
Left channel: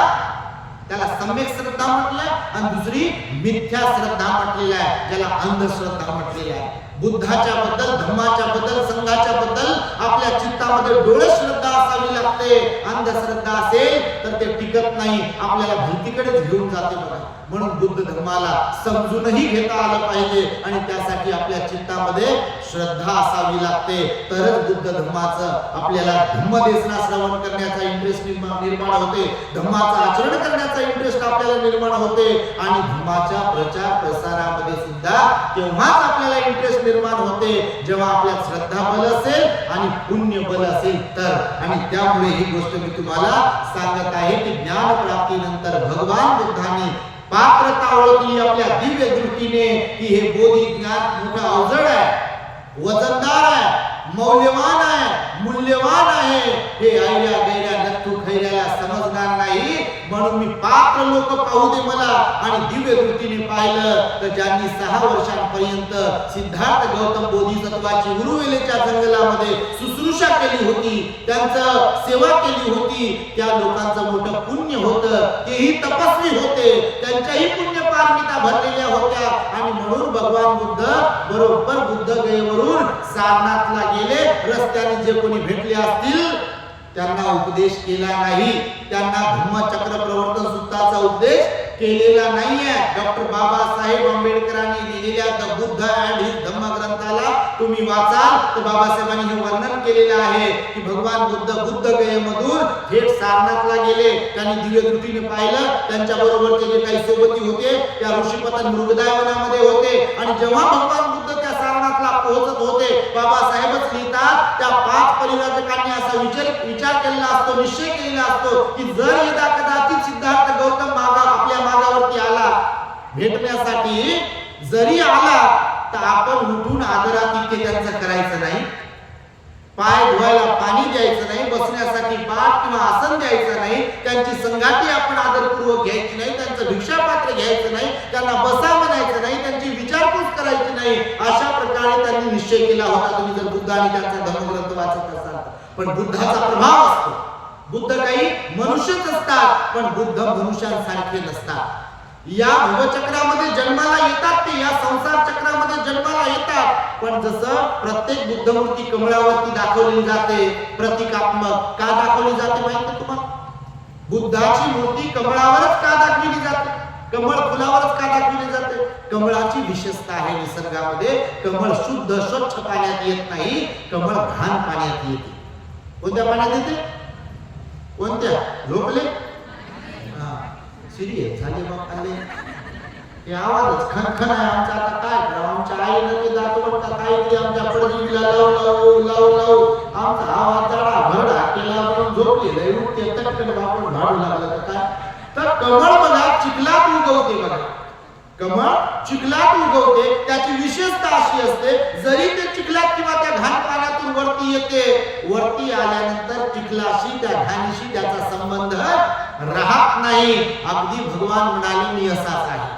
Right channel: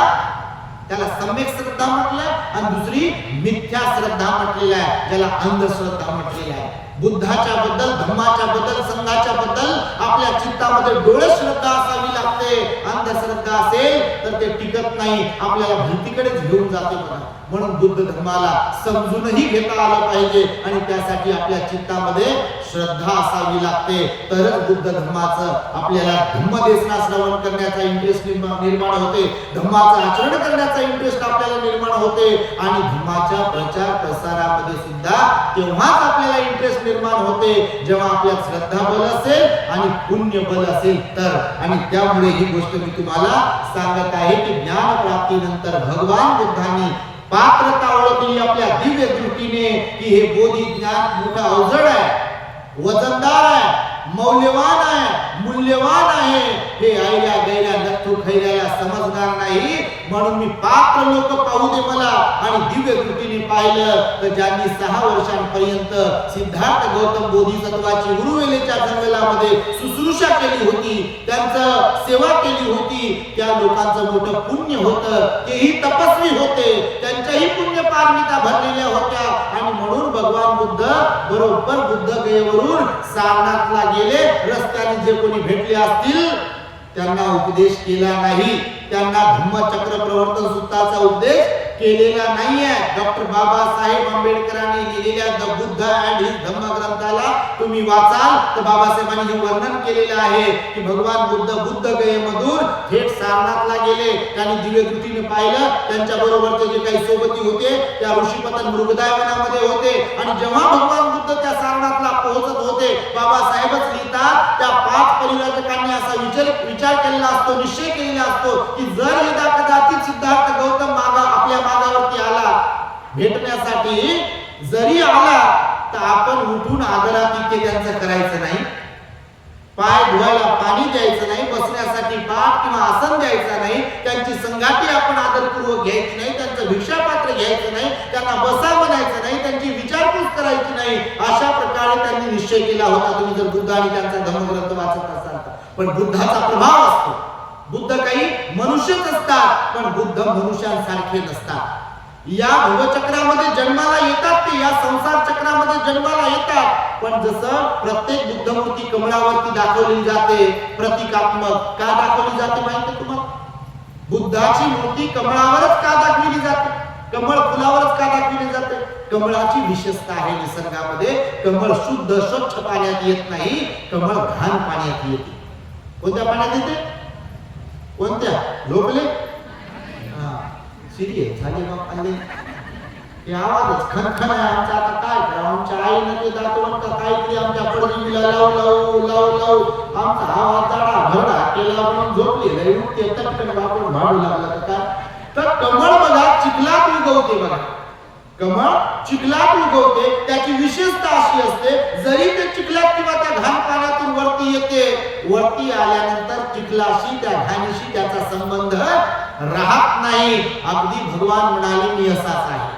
त्याला सम्यक श्रद्धा म्हटलंय, आणि दुसरी मिथ्या श्रद्धा म्हटलेला आहे, ज्याला अंधश्रद्धा म्हटलेला आहे. बुद्धाच्या बद्दल, धम्माच्या बद्दल, संघाच्या बद्दल आपल्या चित्तामध्ये डोळस श्रद्धा असावी लागते. अंधश्रद्धा असेल तर ते टिकत नाही, आपल्याला भलतीकडेच घेऊन जाते बघा. म्हणून बुद्ध धम्माला समजूनही घेता आलं पाहिजे, आणि त्यासाठी आपल्या चित्तामध्ये श्रद्धा असावी लागते. तरच बुद्ध धम्माचं आपल्याला धम्मदेशना श्रवण करण्याचा इंटरेस्ट निर्माण होते, धम्माचं आचरण करण्याचा इंटरेस्ट आपल्याला निर्माण होते, आणि धम्माच्या प्रचार प्रसारामध्ये सुद्धा तेव्हाच आपल्याला इंटरेस्ट निर्माण होते जेव्हा आपल्यात श्रद्धा बल असेल आणि पुण्य बल असेल तर. आणि त्यामुळे ही गोष्ट मी तुम्हाला सांगत आहे की ज्ञान प्राप्तीनंतर भगवान बुद्धांनी पात्रता ओळखली आपल्या दिव्य दृष्टीने की हे बोधी ज्ञान मोठं अवजड आहे, वजनदार आहे, मौल्यवान आहे, मूल्यवान आहे. हे ऐऱ्या गैऱ्या नथू खैऱ्याला समजणार नाही. म्हणून मी पात्र लोक पाहू दे मला. आणि दिव्य दृष्टीने पाहिलं तर ज्यांनी 6 वर्षांपर्यंत सिद्धार्थ गौतम बोधिसत्वाची उरुवेलेच्या जंगलामध्ये शुश्रूषा केली होती, त्यांचं सेवा केली होती, त्या लोकांचं मोठं पुण्य होतं. तेही तपस्वी होते, त्यांच्याही पुण्य पारमिता भरलेल्या होत्या. आणि म्हणून भगवान बुद्ध बरोबर बुद्ध गयेवरून सारनाथला गेले. रस्त्याने जे कोणी भेटले असतील त्यांना उपदेश केला नाही, त्यांना धम्मचक्र प्रवर्तन सूत्राचा उपदेश केलेला नाहीये. डॉक्टर बाबासाहेब आंबेडकरांनी लिहिलेल्या द बुद्ध अँड हिज धम्म ग्रंथाला तुम्ही वाचाल तर बाबासाहेबांनी हे वर्णन केलेलं आहे की भगवान बुद्ध गयेमधून थेट सारनाथला गेले. त्यांनी दिव्य दृष्टीने पाहिलं, त्यांच्या बरोबरचे जे काही सोबती होते त्या ऋषीपतन मृगदायवनामध्ये होते. आणि जेव्हा भगवान बुद्ध त्या सारनाथला पोहोचत होते, बाबासाहेबच लिहितात त्या 5 परिव्राजकांनी असा विचार केलेला असतो, निश्चय केलेला असतो की जर यदा कदाचित सिद्धार्थ गौतम आपल्या मागावरती आला भेटण्यासाठी, जरी आला तर आपण उठून आदरातिथ्य त्यांचं करायचं नाही, पाय धुवायला पाणी द्यायचं नाही, बसण्यासाठी पाठ किंवा आसन द्यायचं नाही, त्यांची संगाती आपण आदरपूर्वक घ्यायची नाही, त्यांचं भिक्षापात्र घ्यायचं नाही, त्यांना बसा म्हणायचं नाही, त्यांची विचारपूस करायची नाही. नाही, अशा प्रकारे त्यांनी निश्चय केला होता. तुम्ही जर बुद्ध आणि त्यांचा धम्मग्रंथ वाचत असाल तर. पण बुद्धाचा प्रभाव असतो. बुद्ध काही मनुष्यच असतात, पण बुद्ध मनुष्यांसारखे नसतात. या भवचक्रामध्ये जन्माला येतात, ते या संसार चक्रामध्ये जन्माला येतात, पण जसं प्रत्येक बुद्धमूर्ती कमळावरती दाखवली जाते, प्रतिकात्मक का दाखवली जाते माहिती तुम्हाला? बुद्धाची मूर्ती कमळावरच का दाखवली जाते? कमळ फुलावरच का दाखवली जाते? कमळाची विशेषता आहे निसर्गामध्ये, कमळ शुद्ध स्वच्छ पाण्यात येत नाही, कमळ घाण पाण्यात येते. कोणत्या पाण्यात येते? कोणत्या? झोपले? सिरियस झाले बाप आले. हे आवाजच खनखन आहे आमचा. आता काय करा, आमच्या आईनं ते दाखवून का काहीतरी आमच्या पडजीला लावू लावू लावू लावू आमचा आवाज जाडा भरडा केला म्हणून झोपलेलं आहे. उठते तटकन वापरून भाडू लागला तर काय. तर कमळ बघा चिखलात उगवते. बघा कमळ चिखलात उगवते. त्याची विशेषता अशी असते, जरी ते चिखलात किंवा त्या घाण पाण्यातून वरती येते, वरती आल्यानंतर चिखलाशी त्या घाणीशी त्याचा संबंध राहत नाही. अगदी भगवान म्हणाले मी असाच आहे,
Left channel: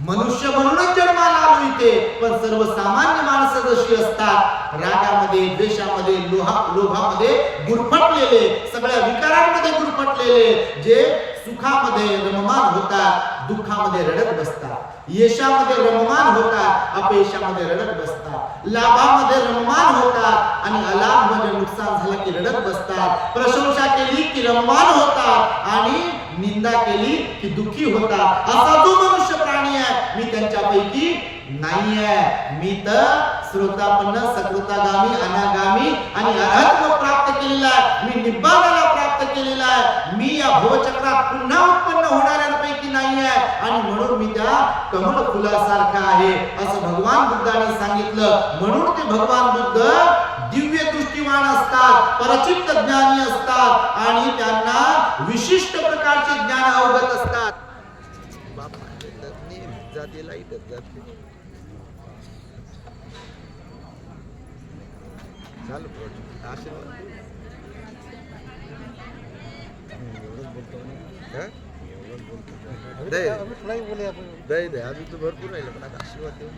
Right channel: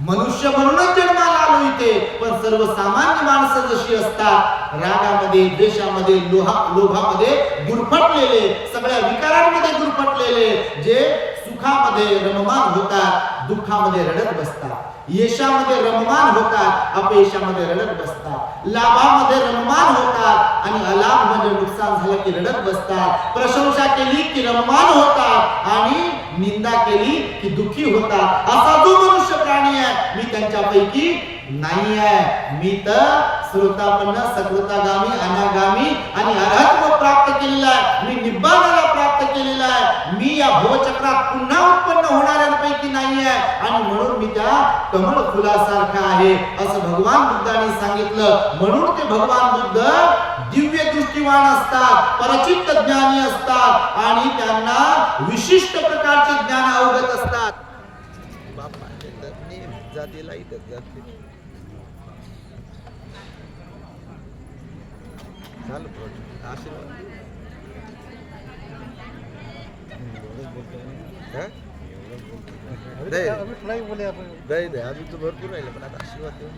मनुष्य म्हणूनच जन्माला आलो इथे, पण सर्वसामान्य माणसं जशी असतात, रागामध्ये द्वेषामध्ये लोभामध्ये गुरफटलेले, सगळ्या विकारांमध्ये गुरफटलेले, जे सुखामध्ये रममान होतात, दुःखामध्ये रडत बसतात, यशामध्ये रममान होतात, अपयशामध्ये रडत बसतात, लाभामध्ये रममान होतात आणि अलाभ म्हणजे नुकसान झालं की रडत बसतात, प्रशंसा केली की रममान होतात आणि निंदा केली की दुःखी होतात. असा जो मनुष्य प्राणी आहे, मी त्यांच्यापैकी नाही आहे. मी तर श्रोतापन्न सकृतागामी अनागामी आणि अरहत्व प्राप्त केलेला आहे. मी निब्बाणाला प्राप्त केलेला आहे. मी या भवचक्रात पुन्हा उत्पन्न होणाऱ्यांपैकी नाही आहे आणि म्हणून मी त्या कमळ फुलासारखा आहे असं भगवान बुद्धांनी सांगितलं. म्हणून ते भगवान बुद्ध दिव्य दृष्टिवान असतात, परचित्त ज्ञानी असतात आणि त्यांना विशिष्ट प्रकारचे ज्ञान अवगत असतात. बापा जाते लाईटच जाते. झालं प्रोजेक्ट. आशीर्वाद दे अजून तर भरपूर राहिलं, पण आता आशीर्वाद देऊन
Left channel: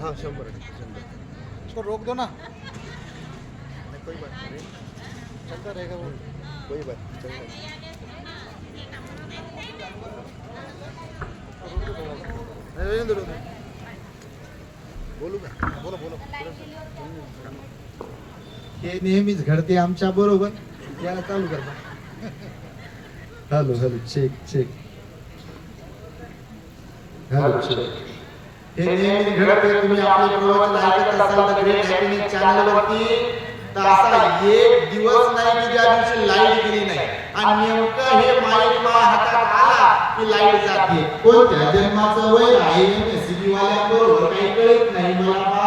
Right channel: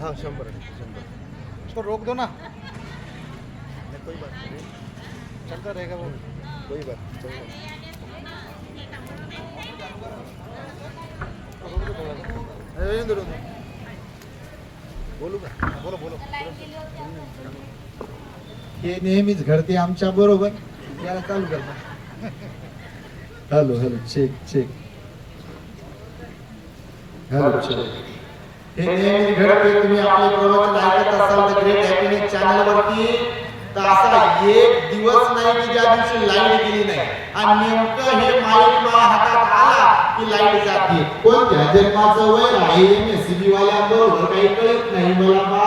हाँ 100% इसको रोक दो ना. नहीं कोई बात नहीं, चलता रहेगा वो. कोई बात चल रहा बोलू का? बोलो बोलो. हे नेहमीच घडते आमच्या बरोबर. याला चालू कर. Hello hello check check. Hello check. हे नेहमीच घडते. तुम्ही आपले प्रवचन ऐकत असाल तर ग्रेट हॅपीनेस चॅनल वरती, तर असा एक दिवस नाही की ज्या दिवशी लाईट गेली नाही. आणि नेमकं हे माईक माझ्या हातात आला की लाईट जाते. कोणत्या जन्माचं वैर आहे एमएससीबी वाल्यांबरोबर काही कळत नाही मला बा.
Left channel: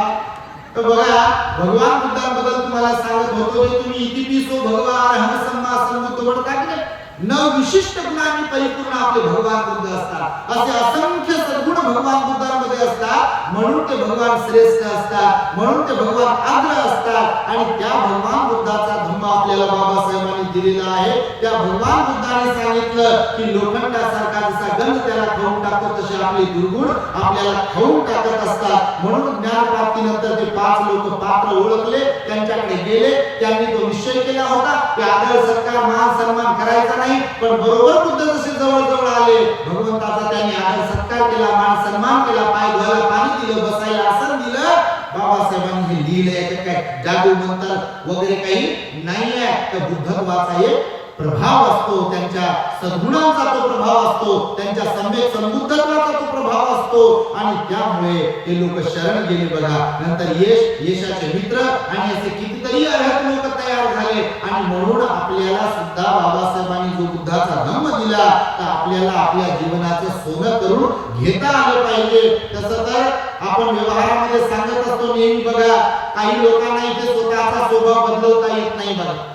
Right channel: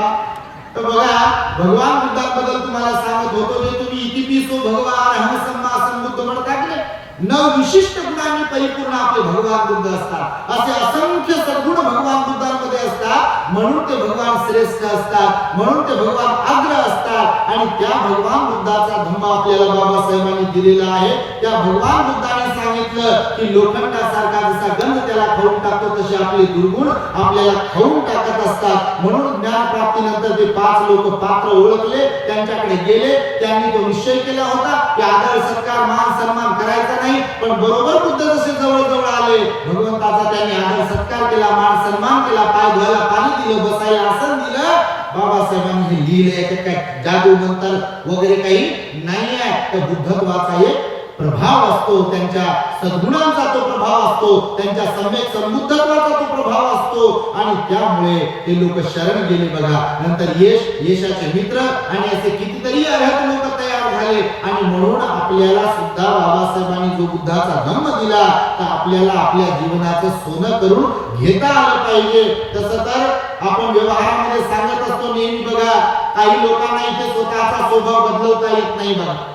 तर बघा भगवान बुद्धांबद्दल तुम्हाला सांगत होतो, जे तुम्ही इतिपिसो भगवा अरहं सम्मा संबुद्ध म्हणता की नाही, 9 विशिष्ट गुणांनी परिपूर्ण आपले भगवान बुद्ध असतात. असे असंख्य सद्गुण भगवान बुद्धांमध्ये असतात, म्हणून ते भगवान श्रेष्ठ असतात, म्हणून ते भगवान अग्र असतात. आणि त्या भगवान बुद्धाचा धम्म आपल्याला बाबासाहेबांनी दिलेला आहे. त्या भगवान बुद्धाने सांगितलं की लोखंडासारखा जसा गंध त्याला खाऊन टाकतो, तसे आपले दुर्गुण आपल्याला खाऊन टाकत असतात. म्हणून ज्ञान प्राप्तीनंतर ते 5 लोक पात्र ओळखले, त्यांच्याकडे गेले, त्यांनी तो निश्चय केला होता की आदर सत्कार मान सन्मान करायचा नाही. पण बरोबर बुद्ध जसे जवळ जवळ आले, भगवंताचा त्यांनी आदर सत्कार केला, मान सन्मान केला, पाय धुवायला पाणी दिलं, बसायला आसन दिलं. बाबासाहेबांनी हे लिहिलं, याच्यात काय जादू मंत्र वगैरे काही नाही आहे. तर बुद्धत्वाचा एक प्रभाव असतो, त्यांच्या सद्गुणांचा तो प्रभाव असतो, त्यांच्या सम्यक संबुद्धत्वाचा तो प्रभाव असतो आणि त्यामुळे ते लोक शरण गेले. बघा नंतर यशाचे मित्र आणि असे कितीतरी अर्हत लोक तयार झाले. आणि म्हणून आपल्याला सुद्धा बाबासाहेबांनी जो बुद्धाचा धम्म दिला, तर आपल्याला आपल्या जीवनाचं सोनं करून घेता आलं पाहिजे. तसं तर आपण व्यवहारामध्ये सांगत असतो नेहमी. बघा काही लोकांना इथे स्वतःचा स्वभाव बदलवता येत नाही. बघा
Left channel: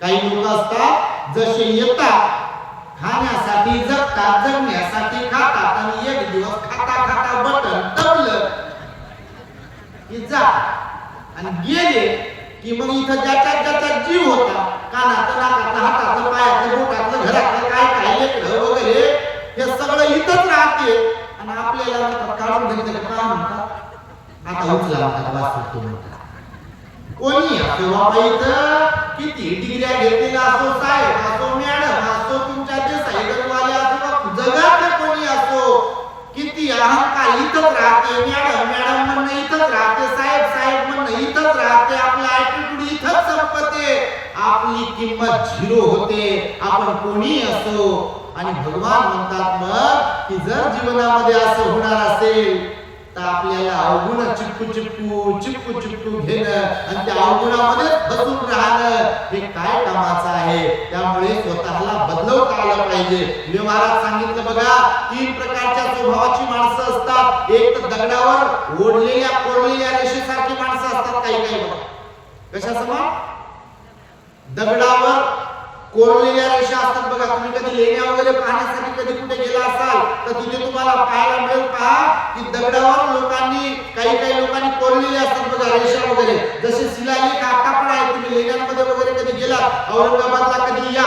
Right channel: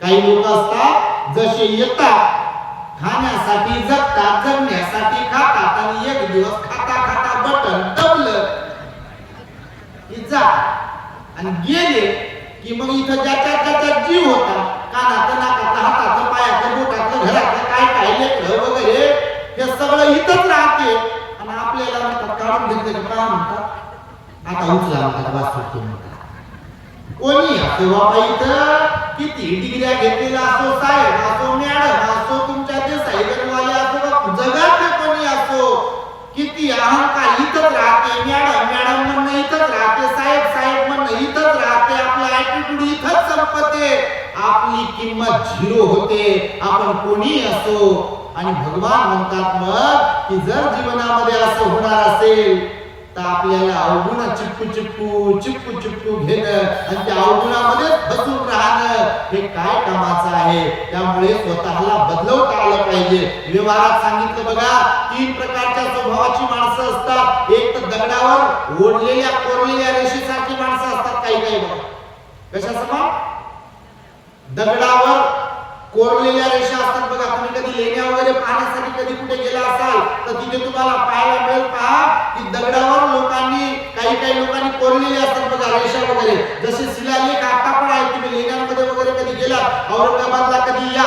काही लोक असतात जसे येतात खाण्यासाठी जगतात, जगण्यासाठी खातात आणि एक दिवस खाता खाता बटन दबलं की जातात आणि गेले की मग इथं ज्याच्या जीव होता, कानाचं नाकाचं हाताचं पायाचं बोटातलं घरातलं काय काय लेकरं वगैरे हे सगळं इथंच राहते आणि आपल्याला म्हणतात काढून घेतलं का पहा म्हणतात, आता उचला म्हणतात, वास सुटतो म्हणतात. कोणी असो बाबा, इथं किती डिग्र्या घेतलेला असो, साहेब असो, मॅडम असो, तुमच्या ते सायकलवाले असो का जगातले कोणी असो, किती अहंकार इथंच राहते. मॅडम मॅडम म्हणणं इथंच राहते, साहेब साहेब म्हणणं इथंच राहते, आपला ऍटिट्यूड इथंच संपते, आपली किंमत झिरो होते, आपण कोणी असो. आणि भगवान म्हणतात मग की जर जीवनामध्ये असं होणार असेल तर आपल्याला अवगुण चिपकू चिपकू चिपकू चिपकू घेणं आणि त्या अवगुणामध्येच फसून राहणं हे काय कामाचं आहे. त्यामुळे स्वतःला बदलवता आलं पाहिजे. व्यवहारात सांगितलं बघा, 3 प्रकारच्या स्वभावाची माणसं असतात. एक तर दगडावर ओढलेल्या कोरलेल्या रेषेसारखी माणसं असतात, काही काही बघा. कशा समान? दगडावर कोरलेल्या रेषा असतात बघा. तुम्ही कधी लेण्या वगैरे पाहण्यासाठी कधी कुठे गेला असाल तर तिथे तुम्हाला पाहायला मिळेल, पहा की दगडावर लोकांनी काही लोकांनी कोरलेले असतात बघा रेषा वगैरे. जसे शिलालेख आता पण आहेत. तुम्ही लेण्यांमध्ये वगैरे कधी गेलात, औरंगाबादला कधी या,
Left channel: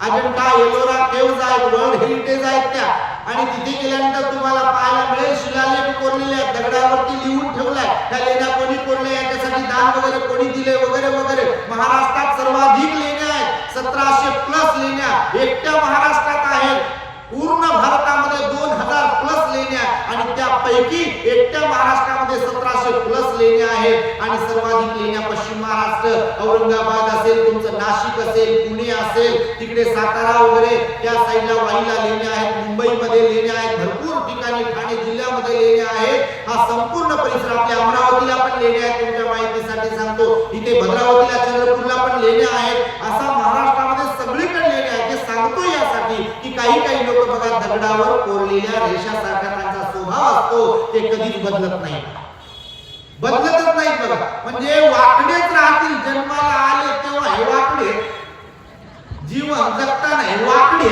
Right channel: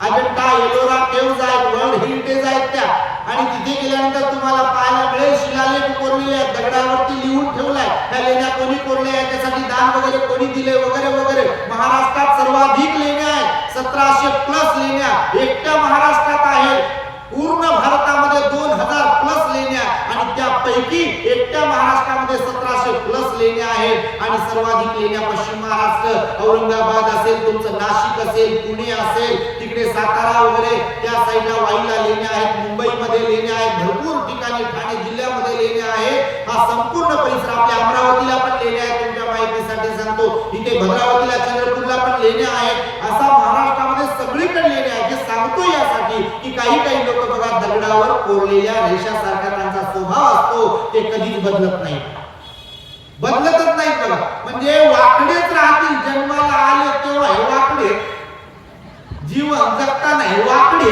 अजंठा एलोरा केव्ज आहेत, वर्ल्ड हेरिटेज आहेत त्या, आणि तिथे गेल्यानंतर तुम्हाला पाहायला मिळेल शिलालेख कोरलेले आहेत, दगडावरती लिहून ठेवलाय त्या लेण्या कोणी कोरल्या, याच्यासाठी दान वगैरे कोणी दिले वगैरे वगैरे. महाराष्ट्रात सर्वाधिक लेण्या आहेत, 1700+ लेण्या एकट्या महाराष्ट्रात आहेत. पूर्ण भारतामध्ये 2000+ लेण्या आणि त्यापैकी एकट्या महाराष्ट्रामध्ये 1700+ लेण्या आहेत. आणि सर्वाधिक लेण्या पश्चिम महाराष्ट्र, औरंगाबाद असेल, तुमचं नाशिक असेल, पुणे असेल, तिकडे सातारा वगैरे त्या साईडला वाईला लेण्या आहेत, मुंबईमध्ये लेण्या आहेत, भरपूर ठिकाणी ठाणे जिल्ह्यामध्ये लेण्या आहेत. हा संपूर्ण परिसर, आपल्या अमरावतीला पण लेण्या आहेत, तुमच्या माहितीसाठी सांगतो, इथे भद्रावतीला चंद्रपूरला पण लेण्या आहेत. असा महाराष्ट्रामध्ये सगळीकडे लेण्या आहेत. हे सांगतो यासाठी की काही लोक बघा दगडावर कोरलेल्या रेषासारखा त्यांचा स्वभाव असतो, ते कधीच बदलत नाही, बदलतच नाहीत बघा. म्हणजे वाकडेच राहतील, जन्माला आले तेव्हा हे वाकडे, जीवन जगताना हे वाकडे,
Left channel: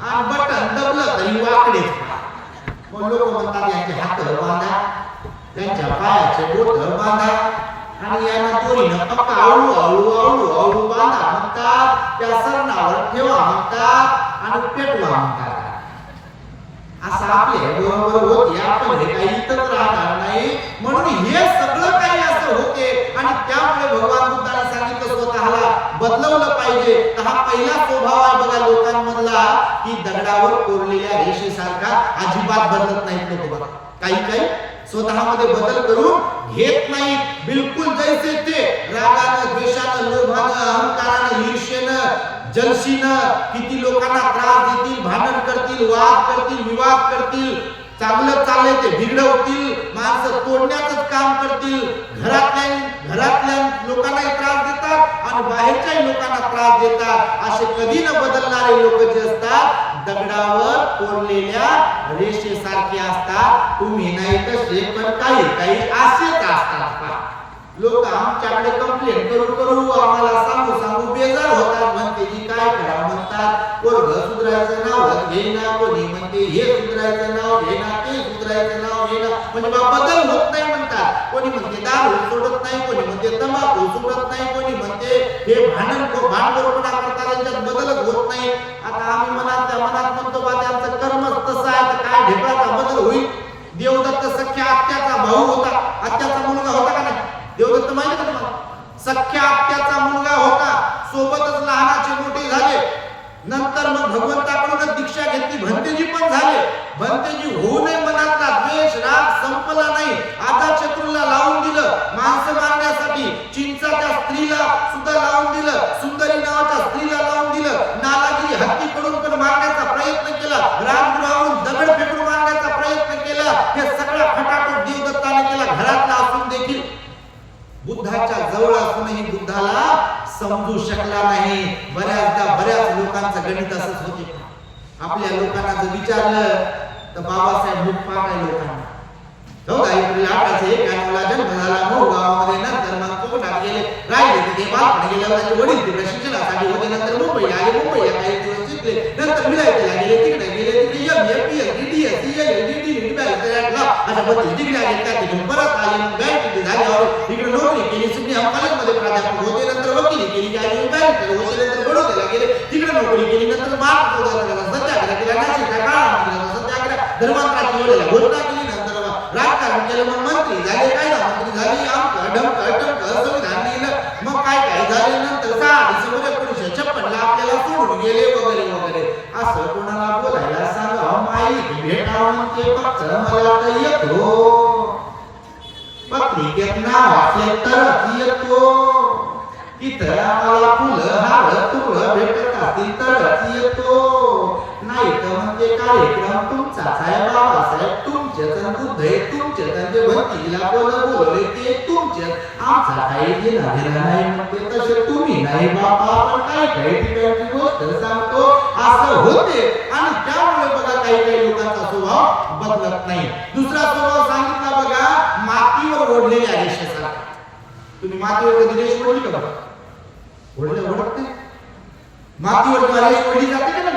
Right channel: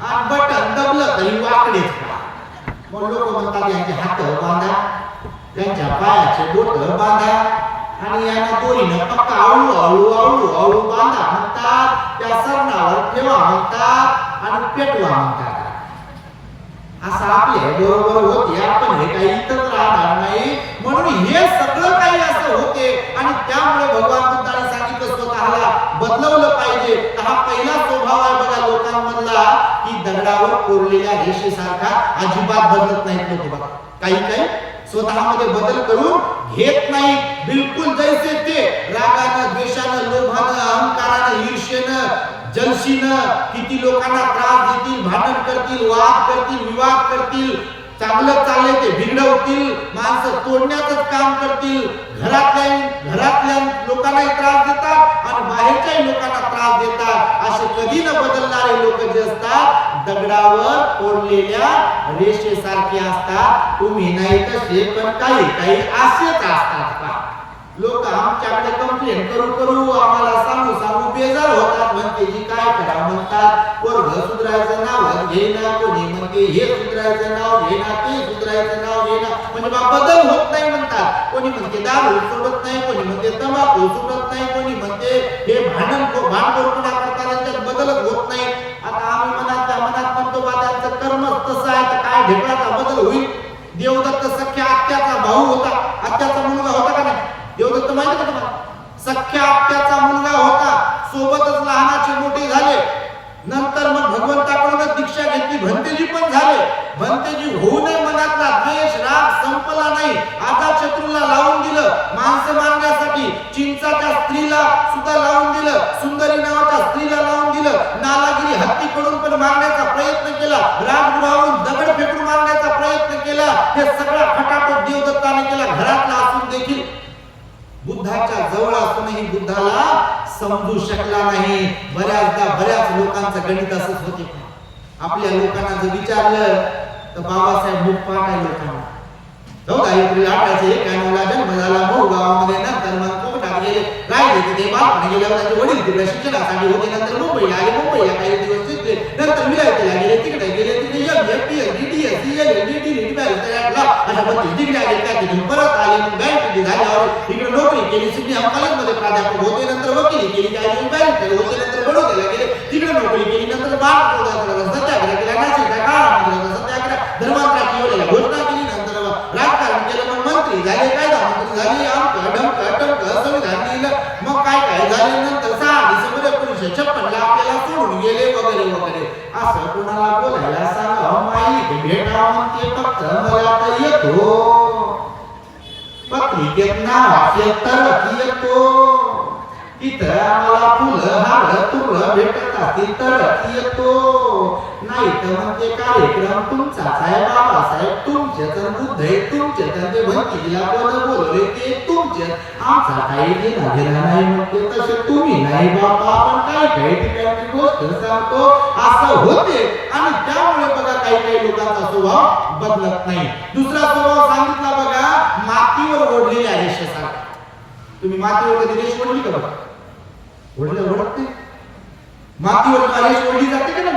आणि बटन दबलं तरी वाकडेच. मग लोक म्हणतात यांचे हात बांधा, त्यांच्या पायाचे बोट बांधा, आणि यांना दोरीनं पक्का आवळू आवळू आवळू आवळू बांधा म्हणतात, त्या सरणावर ठेवा म्हणतात आणि पेटवा म्हणतात. असं आपल्या बरोबर होते, आपण हे काही इथंच राहणार नाही. म्हणून हे सगळं काही असं होते आणि त्यामुळे भगवान बुद्धाने सांगितलं स्वतःला बदलवलं पाहिजे. तर हा पहिला स्वभाव आहे बघा लोकांमधला, की दगडावर कोरलेल्या रेषेसारखा अजिबात बदलत नाहीत लोक बघा. काही स्वतःमध्ये बदल करून घेत नाही, बिलकुल जैसे ते, रागानं, द्वेषानं, लोभानं, अहंकारानं, ईर्ष्येनं, जलशीनं किती लोकांना त्रास देतील, भांडण करतील, वाद करतील, विवाद करतील, चांगलं चाललंय ते बिघडवतील, माणसं तोडण्याचंच काम करतील, घरातल्या लोकांनाही त्रास देतात आणि बाहेरच्याही लोकांना त्रास देतात. असे कधी न बदलणारे लोक जे असतात दगडावर कोरलेल्या रेषेसारखे असतात. तुम्ही नाही तसे, पण काही असेच असतात. लोक आमच्याकडे कंप्लेंट करू आम्हाला सांगू बेजार होतात. म्हणते जी काय करा म्हणतात, पोरग सुधरायचं नाव घेना, कोणी म्हणते हे सुधरायचं नाव घेना, ते सुधरायचं नाव घेना, म्हणजे बदल होत नाही म्हणतात. कोणी म्हणते दारू सोडत नाही, कोणी म्हणते तंबाखू सोडत नाही, कोणी म्हणते हे भांडखोरपणा करतात, त्यांच्यात बदलच होत नाही. आता आम्ही मनात म्हणतो बा त्यांचं कर्मच तसं आहे, तर काय ढेकळाचा बदल होईल. देवदत्त सख्या आत्याचा भाऊ होता, आत्याचा मुलगा होता का नाही देवदत्त, माहिती का तुम्हाला? सख्या आत्याचा मुलगा होता, सोबतच लहानाचे मोठे झाले. नंतर मग भगवंताकडूनच दीक्षा घेतली, भंतेजी पण झाले. भंतेजी होऊनही मनातला द्वेष राग संपला नाही. आजाशत्रूला लावून दिलं माणसं मारण्यासाठी, चिंचाच्या स्त्रीला सुद्धा लावून दिलं, सुंदरी नावाच्या स्त्रीला लावून दिलं, नालागिरी हत्तीकडून पण मारण्याचा प्रयत्न केला, राजगृहावरून दगड फेकून मारण्याचा प्रयत्न केला. हे सगळा खटाटोप देवदत्ताने केला, घरातला असून देखील. बुद्धाच्या जवळ असूनही बुद्धाला समजू शकला नाही. बऱ्याच लोकांचं गणित असंच होते. आपल्या लोकांना जर विचारलं तर बाबासाहेब मुखपाठ आहे लोकांना. 14 एप्रिल 1891 जन्म झाला मऊ गावामध्ये. नंतर मग कोकणात गेले, राहिले तिथे बालपण गेल्यावर त्यांचे वडील तिकडे शिक्षणासाठी होते. नंतर मुंबईला आले, मुंबईला काही दिवस शिकले. नंतर विलायतीला गेले, तिकडे MA, PhD, DS, LLD, DD, अशा 32 डिग्री आहेत. त्या तिथून परत आले, मग बँकेत झाल्यावर इकडे नोकरी केली. सिडनी कॉलेजमध्ये प्राध्यापक होते, नंतर वकिली केली, काही बँकेत होते, नंतर बडोद्याला गेले, तिकडे नोकरी केली. नंतर सत्याग्रह केला, नाशिकला काळा सत्याग्रह, धर्मांतराची एवढ्याला घोषणा केली, नंतर राजकारण केलं, मग मंत्री झाले, कायदा मंत्री झाले, आमकं ढमकं टमकं संविधान लिहिलं, मग काय काय झाले, नंतर 6 डिसेंबर 1956 आपल्याला सोडून गेले वगैरे वगैरे. असं कोणाला बोलायला सांगा, माईक भेटावं म्हणते फक्त मला तर येतो, पत्रिकेत नाव असले तर येतो, तिथं आम्हाला फुलं हार तुकडं भेटत असतील तर येतो, नाही तर म्हणजे कार्यक्रम तुमचाच आहे बाबासाहेब, तुमचेच बुद्ध आहे तुमचेच, ते भंतीला कोण बोलवले ते तुमचेच, आमचा काही घेणा घेणा नाही म्हणते, तसे तुम्ही नाही बाबा, आपण काही काही ठिकाणची गोष्ट सांगतो असं होते. आणि त्यामुळे बघा काही काही लोकांचा स्वभाव बदलत नाही. दुसरा स्वभाव सांगितला बघा, मातीवर ओढलेल्या रेषेसारखा. तुम्ही मातीवर कधी रेष ओढली का बघा? ओढत नाही. मातीवर जेव्हा रेष ओढली जाते का नाही,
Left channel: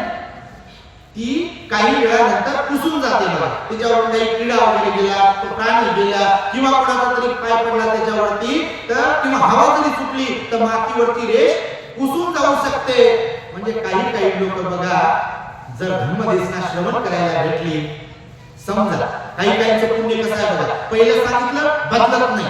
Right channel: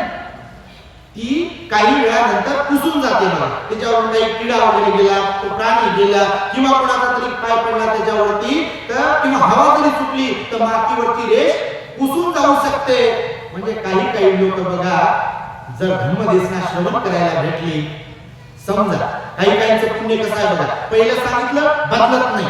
ती काही वेळानंतर पुसून जाते बघा. त्याच्यावर काही किडा वगैरे गेला, तो प्राणी गेला, किंवा कोणाचा तरी पाय पडला त्याच्यावरती, तर किंवा हवा जरी सुटली तर मातीवरची रेष पुसून जाऊ शकते. म्हणजे काही काही लोक बघा, जर धम्मदेसना श्रवण करायला भेटली, समजा काही काहींचं पुण्य कसं आहे बघा, पहिलं सांगितलं बदलत नाही.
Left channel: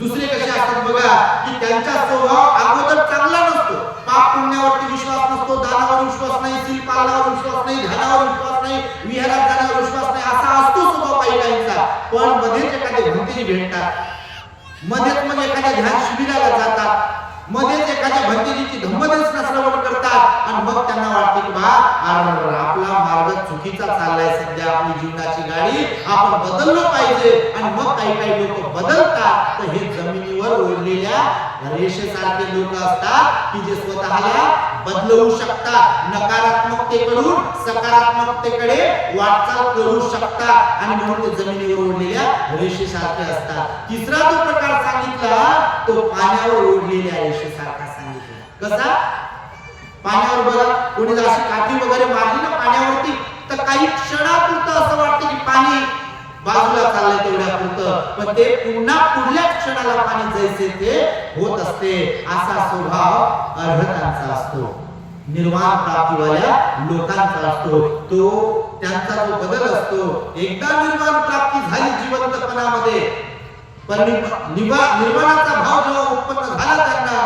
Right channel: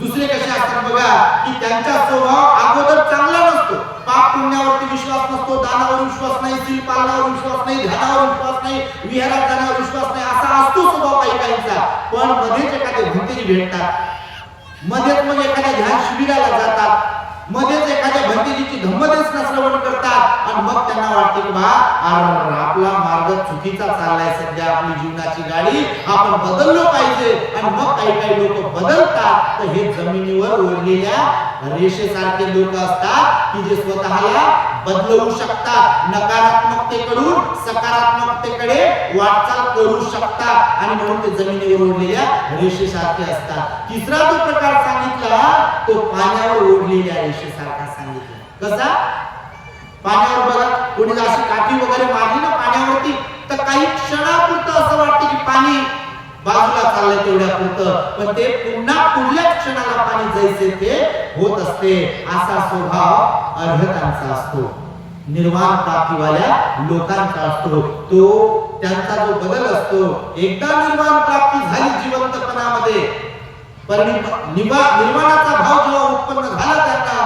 दुसरे कसे असतात बघा, की त्यांचा स्वभाव अगोदर चांगला नसतो, पाप पुण्यावरती विश्वास नसतो, दानावर विश्वास नाही, सील पालनावर विश्वास नाही, ध्यानावर विश्वास नाही, विहारात जाण्यावर विश्वास नाही, असा असतो स्वभाव काही काहींचा. पण मध्येच एखादे भंतेजी भेटतात, मध्येच मग एखाद्या ध्यान शिबिराला जातात, मध्येच एखाद्या भंतेजीची धम्मदेसना श्रवण करतात, आणि मग त्यांना वाटते की बा आपला मार्ग चुकीचा चाललाय, सध्या आपली जीवनाची गाडी आपण बदललो पाहिजे. आणि मग काही काही लोक बदलतात. तर हे जमिनीवर ओढलेल्या रेषेसारखे लोक असतात की जे स्वतःला बदलवू शकतात, नकारात्मकतेकडून सकारात्मकतेकडे वाटचाल करू शकतात, आणि म्हणून ते जमिनीवर ओढलेल्या रेषेसारखे असतात. तिसरा जो प्रकार सांगितला तो पाण्यावर ओढलेल्या रेषेसारखा सांगितला. कसा? पाण्यावर बघा, कोणी अशी काठी वगैरे मारली ना पाण्यावरती, तर काही क्षणापुरतं असं वाटतं की पाणी बाजूला चाललंय तेवढ्या पुरतं, पण ते पुन्हा पुढल्या क्षणाला पाणी जैसे ते होत असते. असा स्वभाव अर्हतांचा असतो, निर्वाण प्राप्तीवाल्या लोकांचा असतो. तो त्यांचा जो बदल असतो, एकदा निर्वाण प्राप्ती झाली जिवंतपणामध्ये, निर्वाणाचा भाव जेव्हा उत्पन्न झाला त्यांना,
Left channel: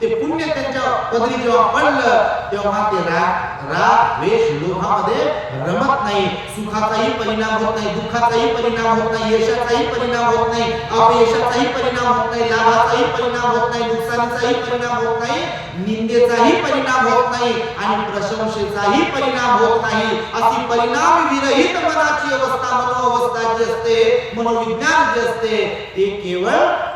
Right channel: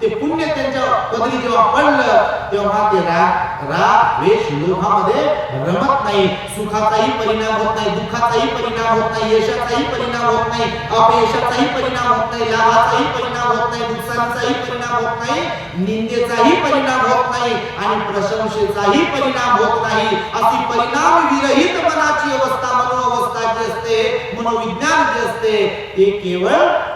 ते पुण्य त्यांच्या पदरी जेव्हा पडलं, तेव्हा ते राग द्वेष लोभामध्ये रमत नाही. सुखाचाही परिणाम होत नाही, दुःखाचाही परिणाम होत नाही, यशाचाही परिणाम होत नाही, अपयशाचाही परिणाम होत नाही, लाभाचाही परिणाम होत नाही, नुकसानीचाही परिणाम होत नाही, निंदेचाही परिणाम होत नाही, आणि प्रशंसेचाही परिणाम होत नाही. अशी परिणाम विरहित मनाची अवस्था, मनोअवस्था जी असते, मनोविज्ञान जे असते, ते केवळ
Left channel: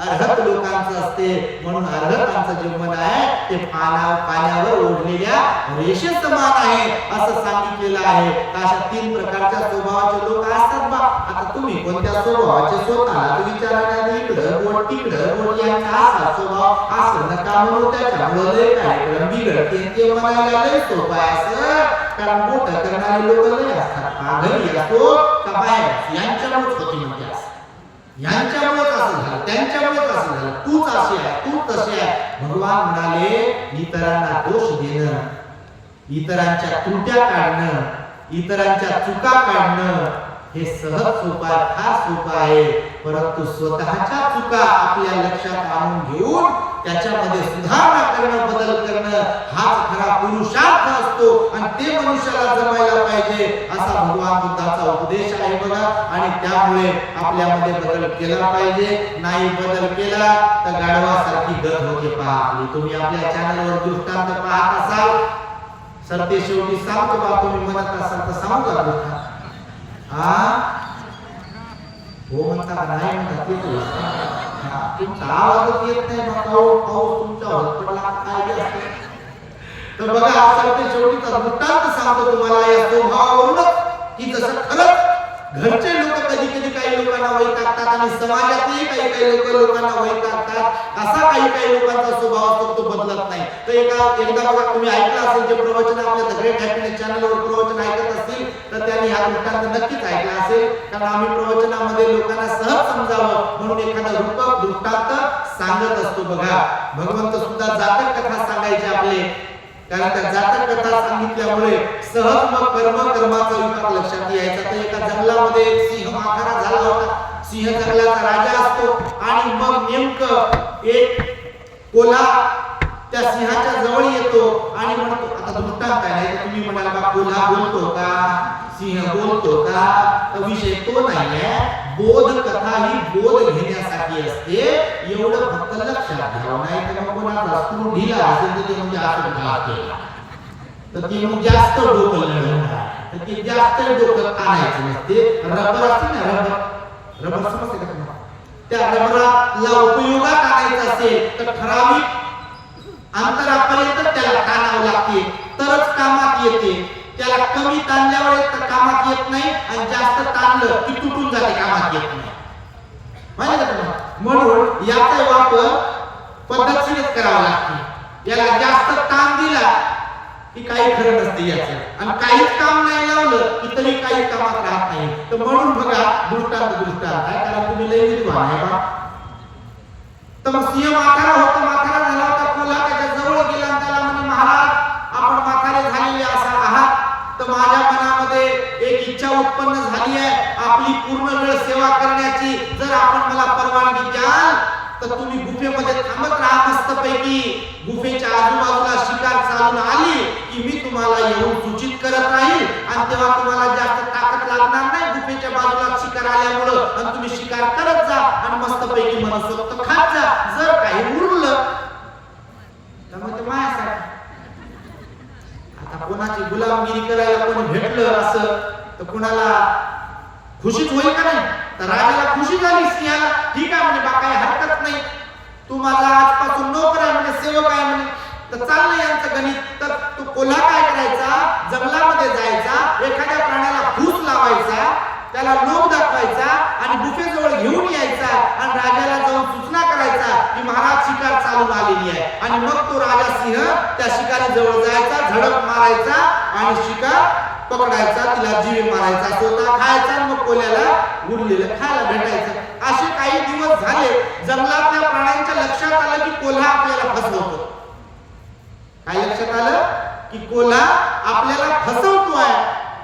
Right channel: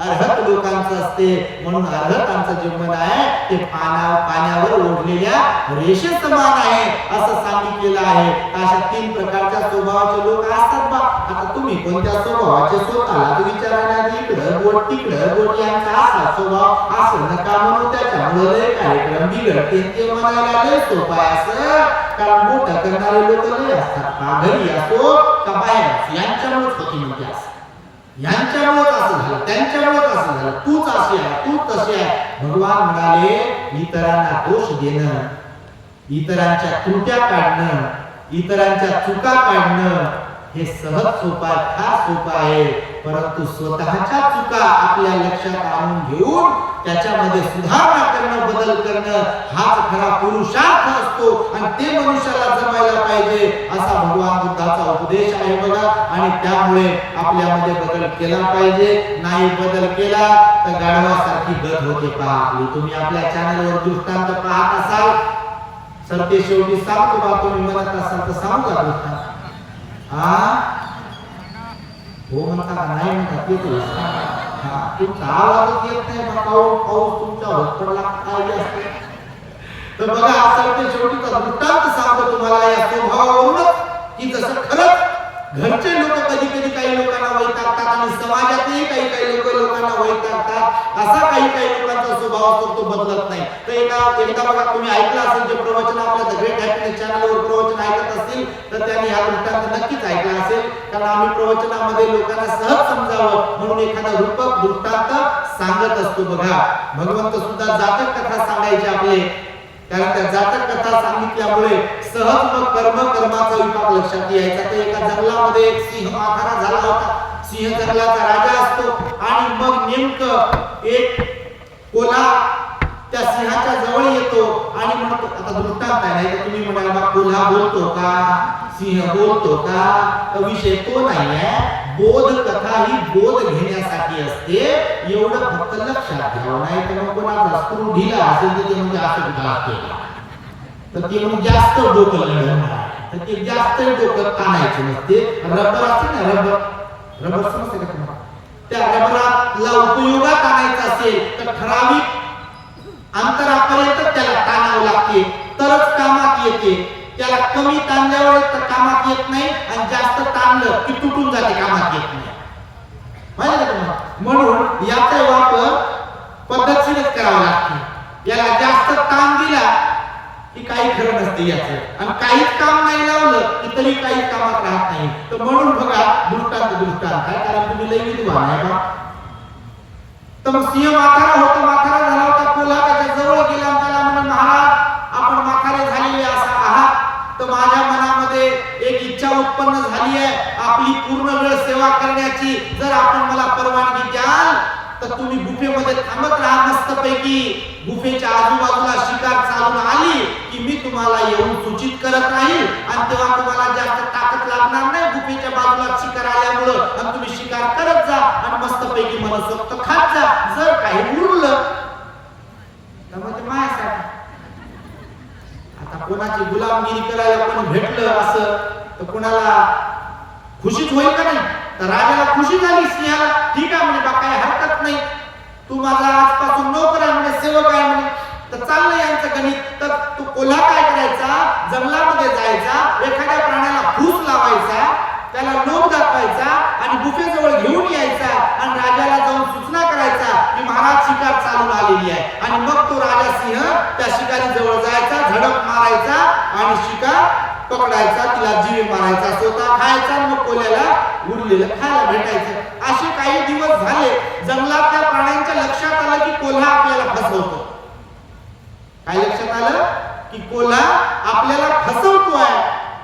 अर्हत लोकांचं असते. म्हणून अर्हतांचं जे मन आहे ते पाण्यावर ओढलेल्या रेषे समान आहे असं सांगितलेलं आहे. अशा 3 प्रकारच्या स्वभावाचे लोक असतात बा. आता तुम्ही कोणत्या स्वभावाचे स्वतःला विचारायला, इकडं बोट तिकडं बोट, यांचा असा स्वभाव असं नका म्हणू, त्याच्यामुळे लय कार्यक्रम बिघडते, ते म्हणायला लय सोपं आहे असं. कारण बोट करणारे लोक लय असतात, घरी असो का बाहेर, यांच्यामुळेच होती म्हणते असं, यांच्यामुळेच असं झालं, त्यांच्यामुळेच असं झालं, तूच अशी आहे, तूच तशी आहे. भगवान म्हणाले, इतरांना दोष देणं, इतरांच्या त्रुट्या काढणं, इतरांच्या चुका काढणं हे सहज सोपं आहे, फार सोपं आहे. परंतु स्वतःच्या चुका आपल्या लक्षात आणून घेऊन त्याच्यामध्ये सुधारणा करणं, बदल करणं हाच खरा पुरुषार्थ असतो, आणि ते मनुष्याला जमायला पाहिजे असा भगवान बुद्धाचा उपदेश आहे बघा. आणि त्यामुळे आपल्यामध्ये बदल केला पाहिजे. नाही बदल केला तर गाढवासारखी गत होते पहा आपली. तुम्ही आपल्या चॅनलवर दृष्टांत पाहत असाल, सर ते शेवटी सांगतो बा, तुम्ही म्हणत असाल तर सांगू का दृष्टांत? हो म्हणता का नाही म्हणता ते तुमचा आवाजच येत नाही, मग पाऊस तुमच्यावर पडला काय असतं. तर बघा, असं ते शेवटीचा दृष्टांत सांगतो तुम्हाला या स्वभावावरूनच, की जसं खरंच घरचे लोक कधी कधी काही लोकांना वैतागतात, आणि समाजातही काही काही लोकांना वैतागतात, असा काही काही लोकांचा स्वभाव असतो, तो बदलत नाही. तर एकदा बघा, तुम्ही ऐकलं असेल, जे प्रवचन आपल्या द ग्रेट हॅपीनेस चॅनलवर प्रवचन ऐकत असतील तर त्यांनी हा दृष्टांत नक्कीच ऐकला असेल. कारण आम्ही प्रवचनामध्ये लोकांना सहज समजावं म्हणून एखादा रूपक दृष्टांत सांगत असतो. बघा, भगवंत सुद्धा जातक कथा सांगायचे आपले. कारण त्या जातक कथा सांगितल्यामुळे सहज मग कर्माचा विपाक लक्षात यायचा. तर एका जंगलामध्ये एक सिंह माथारा झाला होता. सिंह जंगलाचा राजा असतो आणि मग नेमकं एक कोल्हा त्या सिंहाच्या जवळ येतो आणि म्हणतो, आता दृष्टांत आहे, नाही तर तुम्ही म्हणाल बा कोल्हा बोलतो का, सिंह बोलतो का, तर विषय तो नाही आहे. बोध कथा ही बोध घेण्यासाठी असते, एवढं फक्त लक्षात घ्यावं. नाही तर मग कोणाचा स्क्रू ढिला असेल तर ते म्हणजे असं ढाला केला तर ते म्हणजे जास्त डोकं लढवणार, तर ते जास्त डोकं ताणायचं नसते. रबर असते ना, रबर समजते का तुम्हाला? त्या रबराला उपयोगात आणायचं असेल तर ठराविक अंतरापर्यंत त्याला ताणावं लागते, तरच कामात येते. त्याला कमी ताणल्यावर तर कामात येत नाही, आणि जास्त ताणलं की तुटून जाते, कामात येत नाही. माहिती का तुम्हाला? म्हणून याचा वापर पद्धतशीरच करावा लागतो. याला जास्त ताण दिला की काही खरं नसते याचं, आणि काहीच काम नाही लावलं की तरी काही कामात राहत नाही. तर म्हणून बघा दृष्टांत आहे, कारण तुम्ही लई विद्वान आहे बा. तर मग सिंह माथारा झाला होता. कोल्हा त्याच्या जवळ गेला आणि त्याला म्हणे, महाराज आपण माथारे झालेले असा आहात, तर माझ्या मनामध्ये एक इच्छा उत्पन्न झाली आहे आपली पूर्ण वेळ सेवा करण्याची. जर आपण मला परवानगी द्याल तर तुम्ही गुफेमध्ये थांबत राहा मस्तपैकी. गुफेच्या आजूबाजूला शिकार चालून आली की मी तुम्हाला येऊन सूचित करत राहील, आणि तेव्हा तुम्हाला जास्त ताकद लागणार नाही गुफेच्या बाजूला शिकार आल्यामुळं, आणि तुम्ही शिकार करत जा आणि मस्तपैकी मनसोक्त खात जा. जर काही उरलं तर मग ते मायासाठी. आता कोणाची गुलामगिरी करायला कोणी भेटलं असं तर कोणाला खुशीच होईल का नाही? तर राजाला खुशी झाली, सिंहाला ठीक आहे म्हणजे बा काही हरकत नाही, तू माझा आजपासून नोकर आहे म्हणजे, सेवक आहे म्हणे. तर चाललंय यांचं गणित. तर तू कोल्हा काय करायचा, जंगलामध्ये जायचा, एखाद्या प्राण्याला फूस लावायचा, त्याला लोभ दाखवायचा आणि गुफेजवळ घेऊन यायचा, आणि राजाला जाऊन सूचना करायचा की महाराज शिकार चालून आलेली आहे. आणि मग तो राजा सिंह त्या शिकारी जवळ जायचा, झडप मारायचा आणि शिकार पकडायचा, तिला जीवे मारायचा, स्वतः खायचा, आणि मग कोल्याला उरलेलं खायला भेटायचं. असे काही दिवस झाले. जंगलातल्या प्राण्यांच्या लक्षात आलं की कोल्हा आपल्याला फसवतो. काय लक्षात आलं की कोल्हा आपल्याला फसवतोय,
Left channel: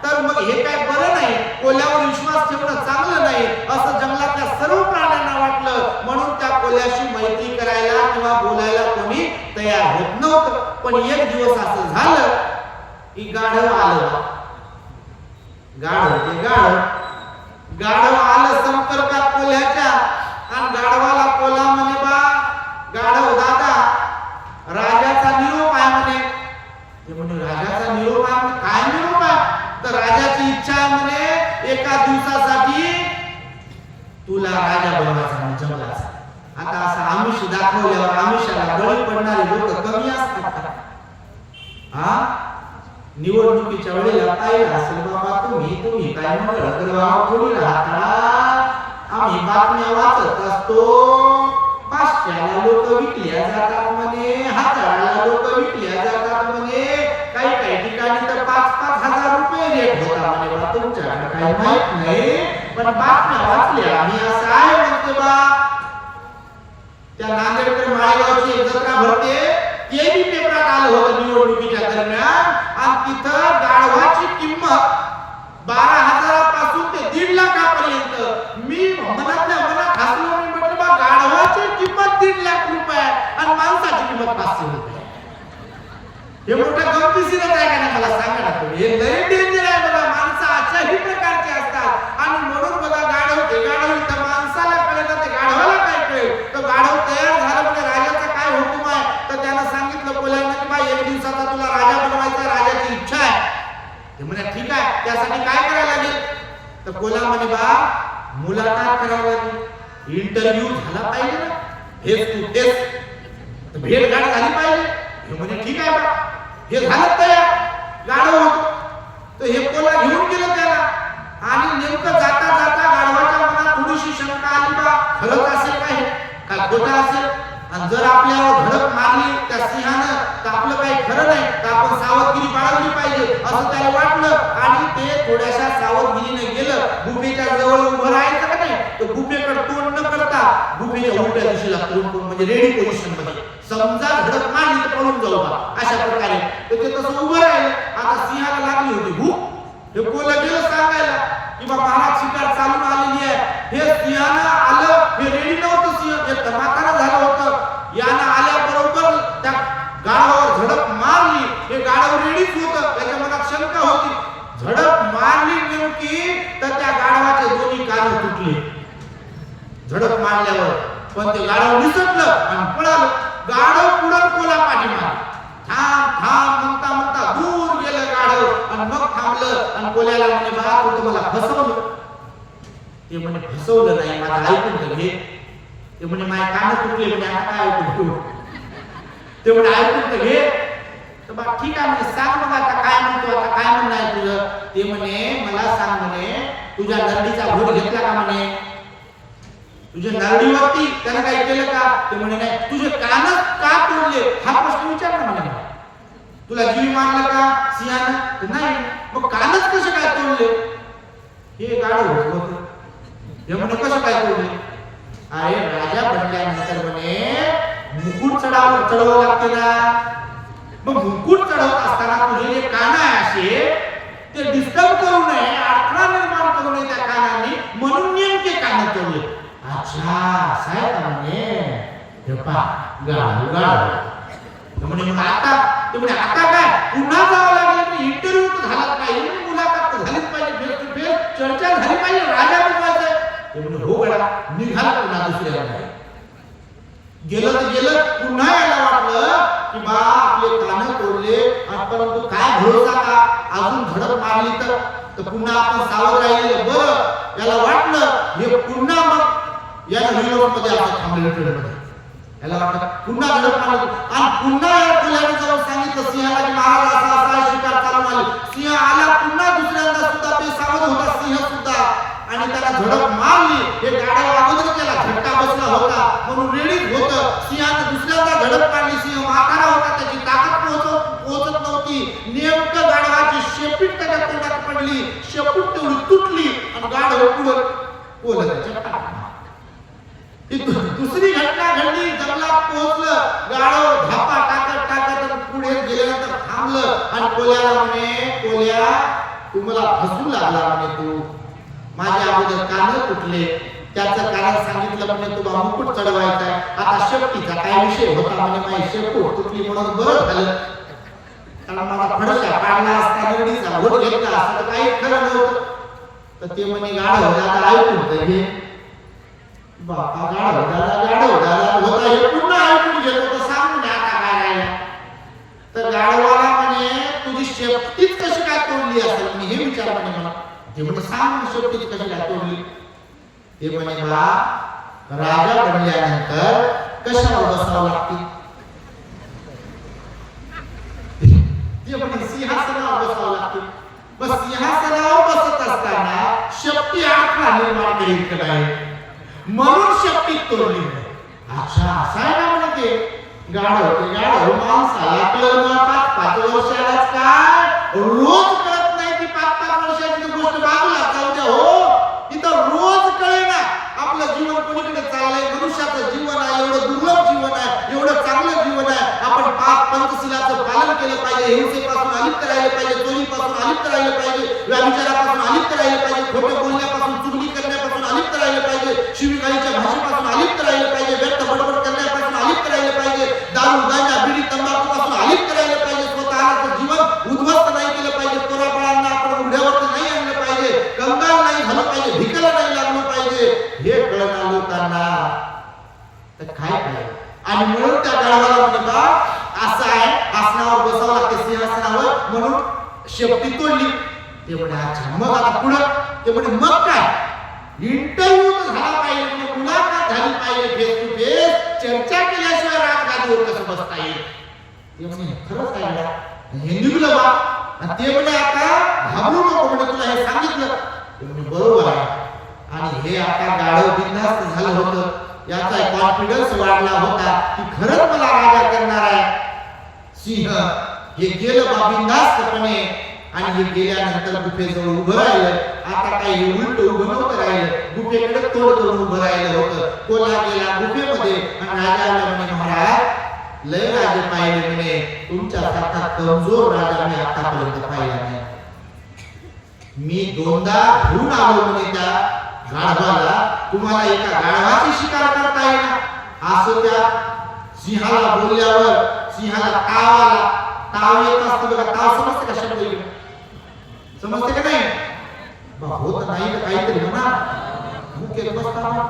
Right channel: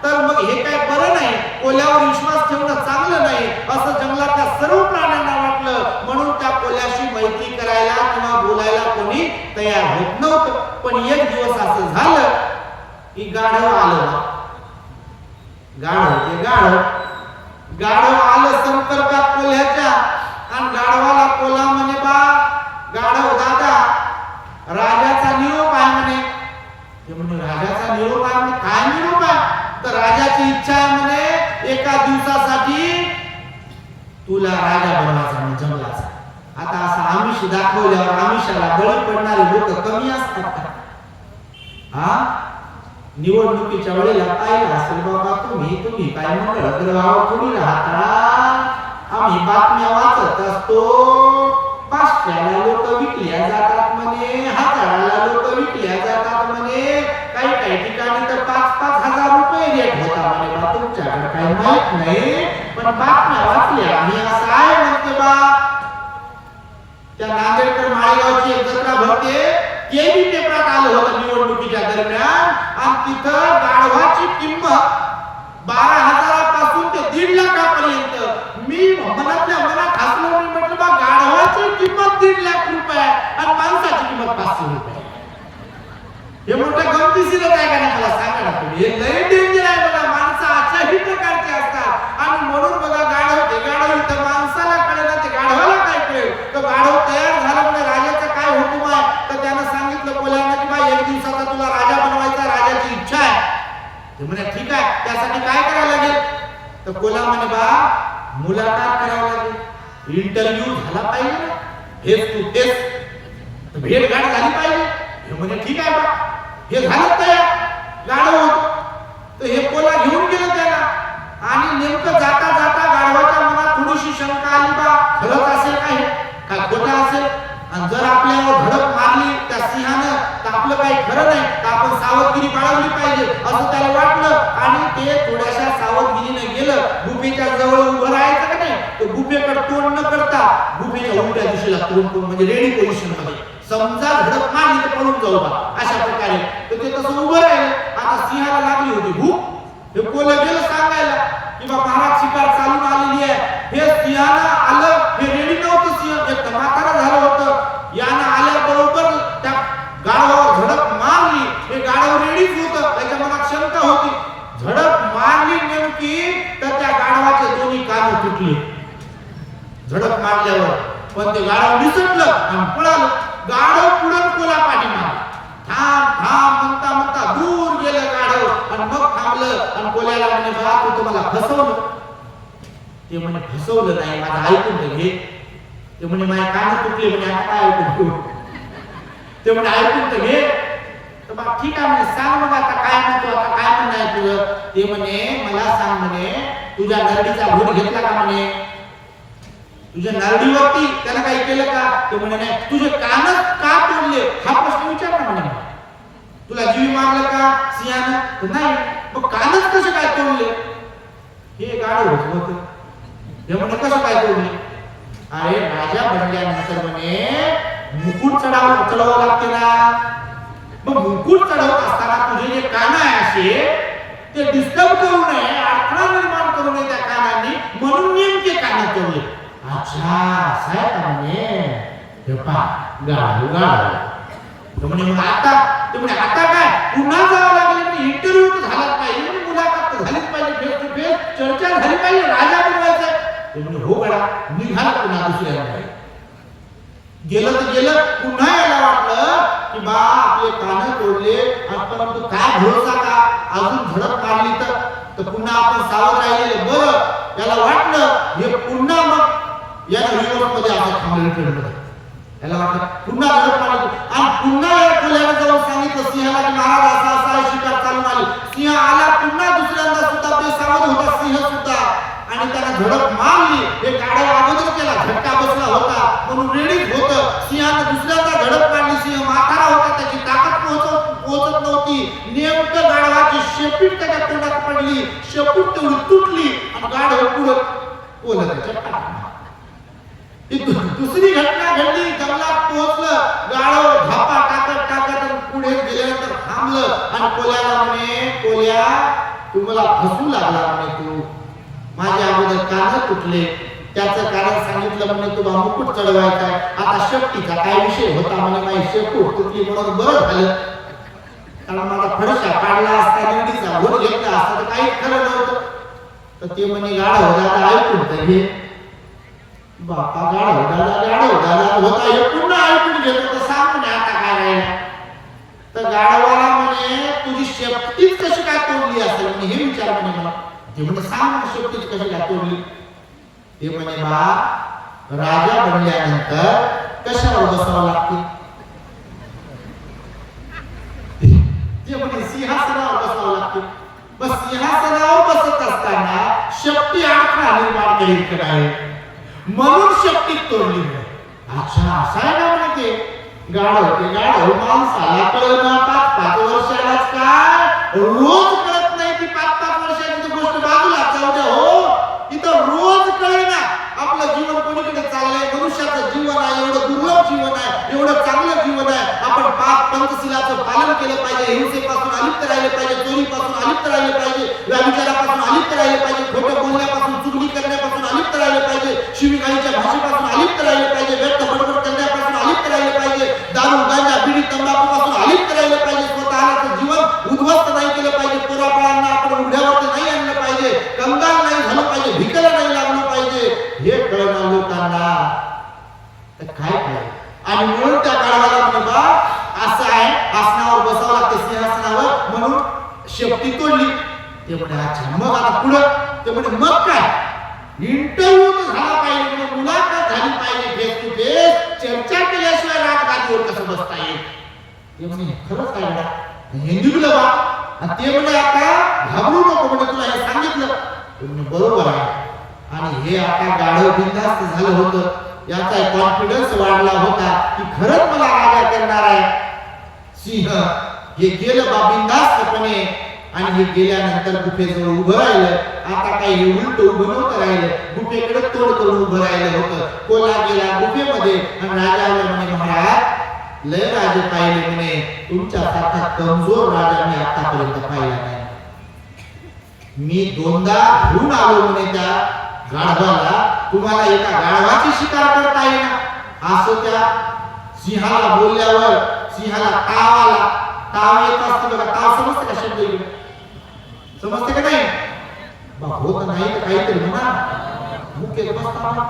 तर मग हे काय बरं नाही, कोल्ह्यावर विश्वास ठेवणं चांगलं नाही, असं जंगलातल्या सर्व प्राण्यांना वाटलं. म्हणून त्या कोल्ह्याशी मैत्री करायला किंवा बोलायला कोणी तयार होत नव्हतं. पण एक दिवस असं झालं की गाढव आलं. गाढव आलं संपर्कात कोल्ह्याच्या, आणि गाढवाला कोल्हा म्हणे, बा गाढव दादा राजाचा निरोप आहे म्हणे. ते म्हणे राजाचा निरोप आहे म्हणे, काय निरोप आहे? तर राजाची इच्छा आहे म्हणे एका दिवसासाठी तुला राजा बनवायचा म्हणे जंगलाचा. आता असं आमिष दाखवल्यावर आमिषाला बळी पडणारे लोक कमी असतात का? हा, निवडणुकीच्या वेळेला पाहिलं असेल बाबा तुम्ही काय मंगळ गावात थोडी राहता. आम्ही बातम्या वाचत असतो, 500ला लोक विकल्या जातात म्हणे, 1000ला लोक विकल्या जातात म्हणे, काही ठिकाणी तर 5-5 हजार रुपये रेट होता म्हणे. बा तुमच्याकडे काही माहित नाही, पण बातम्या वाचल्या आम्ही, असं आहे म्हणते बा. त्या नांदेडकर माळेगावची एक जत्रा भरते, ते बी पेपरात आलं होतं निवडणुकीच्या दरम्यान, आणि तिथं गाढवाची किंमत 12,000 पासून ते 1.5 लाखापर्यंत. मी मनातल्या मनात हसलो. मी म्हटलं बा गाढवाची किंमत 1.5 लाख रुपये आणि माणसाची किंमत 500 रुपये. हे मोठं गमतीशीरच आहे का नाही मला सांगा ना तुम्ही. हे लय डेंजर आहे बघा. माणसं अशाही प्रकारचे असतात, आणि म्हणून बघा गाढव इथं माणसाला कळेल ते गाढवाला काय कळेल. तो गाढव तयार झाला म्हणजे राजाचा काय हुकूम आहे, तर त्यानं सांगितलं कोल्ह्यांना की बा 1 दिवसाचा तुला राजा बनवायचा, राजाची इच्छा आहे. ते म्हणे ठीक आहे, त्यासाठी काय करायला लागेल? तर कोल्हा म्हणे बा मुलाखत करावं लागेल, इंटरव्ह्यू झाला पाहिजे ना, फेस टू फेस, भेटघाट झाली पाहिजे. हे म्हणे ठीक आहे बा. हे झालं तयार, गाढव होतो. तर हे कोल्हा घेऊन गेलं त्याला, आणि नेमकं जाता जाता गाढवाच्या मनात थोडीशी शंका आली, बा खरंच असेल का हे, का खोटं असेल, आणि जर आपल्यावर धडक मारली त्या सिंहानं तर आपलं काही खरं नाही, तर आपण सावधगिरी बाळगली पाहिजे असं त्याला वाटलं. आणि ते थोड्याशा सावधगिरीने गेलं. गुफेच्या जवळ उभं राहायचं का नाही, तर गुफेकडे तोंड न करता गुफेच्या उलट्या दिशेला तोंड करून, म्हणजे रेडी पोझिशन मध्ये समजा झडप मारली तर पळून जाऊ बा अशा प्रकारे. तर ते तसं उभं राहिलं. आता सिंहाला लागली होती भूक. हे कोलं गेलं सांगायला की बा महाराज शिकार चालून आलेली आहे. हे सिंहानं आलं, हे रेडी नव्हतं सिंह, एक तर म्हातारा झालं होतं. यानं आल्याबरोबर त्या गाढवावर झडप मारली. हे गाढव रेडीच होतं, त्याच्या मनात शंका होती. झडप मारली नेमकी तर त्या गाढवाचे दोन्ही कान तुटले झडप मारल्यावर. पण ते गाढव निसटलं आणि पळालं. गाढव पुढं कोला पाठी मारला. थांब थांब म्हणता म्हणता दूर गेलं गाढव आणि मग थांबलं आणि कोल्याला म्हणे बा तू तर मला फसवलं. ते म्हणे फसवलं नाही, माझं ऐकून तर घे. ते म्हणे माझे कान तुटले, म्हणे आता काय ऐकून घेऊ. ते म्हणे ऐकून तर घे. तर बा ठीक आहे म्हणे सांग मग आता काय म्हणतो, आता काय म्हणणं आहे तुझं. ते म्हणे मला सांग म्हणे तुझ्या नरडीचा घोट घेतला का म्हणे, तुझ्या नरडीवरती त्यानं काही केलं का. ते म्हणे नाही. तुझे कानच का तोडले हा प्रश्न विचार ना म्हणे. तुला जीवी मारलं का सिंहानं, तर नाही. मग कानच कसे काय तोडले. हे गाढव होत. हे म्हणे कसं काय तोडले. अरे राजा बनल्यानंतर म्हणे मुकुट चढवावं लागते ना. मग मुकुट चढवत असताना तुझे जे कान आहे असे ते डिस्टर्ब करू नये, अडथळा निर्माण करू नये त्या कानांनी, म्हणून नेमके कान तोडले. अच्छा असं आहे का म्हणे. हे पहा गाढव म्हणे मग आता. ते म्हणे आता काय पुन्हा जावं लागेल. म्हणजे इंटरव्ह्यू तर झालाच पाहिजे, म्हणजे मुलाखत तर झालीच पाहिजे, फेस टू फेस चर्चा झाली पाहिजे, राजा बनवायचं. ते म्हणे हो गडा. निघाला पुन्हा दुसऱ्या. गेलं तर गेलं. पुन्हा याला वाटलं की बा आपले कान तोडले आणि परंतु काय भरोसा का अजून झडप मारली तर पुन्हा आपण सावध राहिलेलं बरं. याला वाटलं हे पुन्हा मग यानं रिव्हर्स मध्ये आपण थांबलेलं ट्रेनमध्ये. याला वाटलं पुन्हा झडप मारली आणि पुन्हा या कोल्यानं जाऊन सांगितलं सिंहाला की महाराज असा असा आहे, शिकार चालून आली. सिंह आला पुन्हा दुसऱ्यांदा सुद्धा बेसावध होता सिंह सुद्धा आणि त्याला झडप मारली. हे गाढव अगोदर त्याला झटका बसला होता म्हणून रेडीच होतं. सिंहानं दुसऱ्यांदा झडप मारली. सिंह म्हातारा होता, त्याची ताकद पोहोचत नव्हती. नेमकं गाढवाची शेपूट त्याच्या तोंडात पडली. शेपूट तेवढी तुटली आणि गाढव पुढं कोलं त्याच्या पाठीमागे. दुसरी घटना घडली. जंगलात पोहोचलं. गाढव धापा टाकत पुढे गेल्यानंतर थांबलं आणि कोल्याला म्हणे कोल्या तू मला फसू लागला म्हणे. तू माझे अगोदर कान तुटले, त्याचं कारण सांगितलं म्हणे तुला मुकुट चढवायचा आहे. आता शेपटीचा काय विषय होता म्हणे माझी शेपूट तुटली म्हणून बरं झालं, कारण माझा फडशा पाडला असता, नरडीचा घोट घेतला असता तर काहीच खरं नव्हतं. तर ते म्हणे गाढव दादा ऐकून तर घे. बापा गाढव दादा होता हे पुन्हा ऐकून घेतो तर सांग म्हणे आता काय राहिलं. तर गाढवाला म्हणे तुझी शेपटीच कशी काय तोडली असेल म्हणे हे विचार म्हणे मला. ते म्हणे सांग मग शेपटीच कशी काय तोडली. ते म्हणे बा राजा बनल्यानंतर कशावर बसावं लागते. ते म्हणे सिंहासनावर बसावं लागते. बस सिंहासनावर बसत असताना शेपटी अडथळा निर्माण करीत का काय म्हणून शेपटीत तोडली. अच्छा असं आहे का म्हणे. ते गाढव माणसाला कळणं 5-5 वर्षालाच काय रोज कळत नाही. ती 5-5 वर्षाची गोष्ट बाजूला जाऊ द्या हो. इथं रोज कळेना आपलं जीवन कोणीकडे चाललंय. मनुष्याचं जीवन आहे एवढं दुर्लभ जीवन आहे, एवढं चांगलं जीवन आहे. आपण 5 पंचशिलाचं पालन केलं पाहिजे. हिंसेपासून अलिप्त राहिले पाहिजे, चोरीपासून अलिप्त राहिले पाहिजे, व्यभिचारापासून अलिप्त राहिले पाहिजे, खोटं बोलण्यापासून, चुगली करण्यापासून अलिप्त राहिले पाहिजे, शिवीगाळीच्या भाषेपासून अलिप्त राहिले पाहिजे, व्यर्थ बडबड करण्यापासून अलिप्त राहिले पाहिजे, दारू गांजा बिडी तंबाखूपासून अलिप्त राहिले पाहिजे. स्वतःला जीवन उद्ध्वस्त नाही केलं पाहिजे. पोराबाळांना आपण उघड्यावरती नाही आणलं पाहिजे, कंगाल नाही झालं पाहिजे, भिकेला नाही लागलं पाहिजे. हे कळणार लोकांना तर काय पाहिजे. आणि म्हणून त्या गाढवाला म्हणजे बा असं आहे, आसनावर बसावं लागते सिंहासनावर म्हणून शेपटी तोडली. ते म्हणे अच्छा मग आता पुढं. ते म्हणे मग काय इंटरव्ह्यू तर झाला पाहिजे, म्हणजे मुलाखत झाली पाहिजे, फेस टू फेस चर्चा केल्याशिवाय राजगादीवर कसं बसता येईल. ते म्हणे खरंच आहे हे निघलं बा. आणि ते म्हणे आता घाबरू नको म्हणे तुला हे सांगितलं. ते म्हणे बरोबर आहे. आणि हे आता गाढव बिनधास्त झालं होतं. याचा कॉन्फिडन्स वाढला होता की खरंच मला राजा करणार आहे सिंह. हे गेलं बा बिनधास्तपणे आणि हे गेल्यानंतर गुफेजवळ उभं राहिलं. आता काही हे उलट उभं नव्हतं राहिलं, गुफेकडे तोड करून उभं राहिलं होतं. कोल्हा गेला गुफेमध्ये आणि राजा आला म्हणे महाराज लय राजे पाहिले म्हणे, तुमच्यासारखा कमजोर राजा मी आतापर्यंत पाहिला नाही. मी 2दा घेऊन आलो म्हणे त्या गाढवाला, तुम्हाला एका गाढवाची शिकार करता येईना. असो त्या सिंहाला बोलल्यावर सिंहाला ताव आला. ताव येत असते बघा, ताव समजते का शब्द इकडे, समजते का नाही? होत नाही तर काहीतरी म्हणा, मुख्य बसताना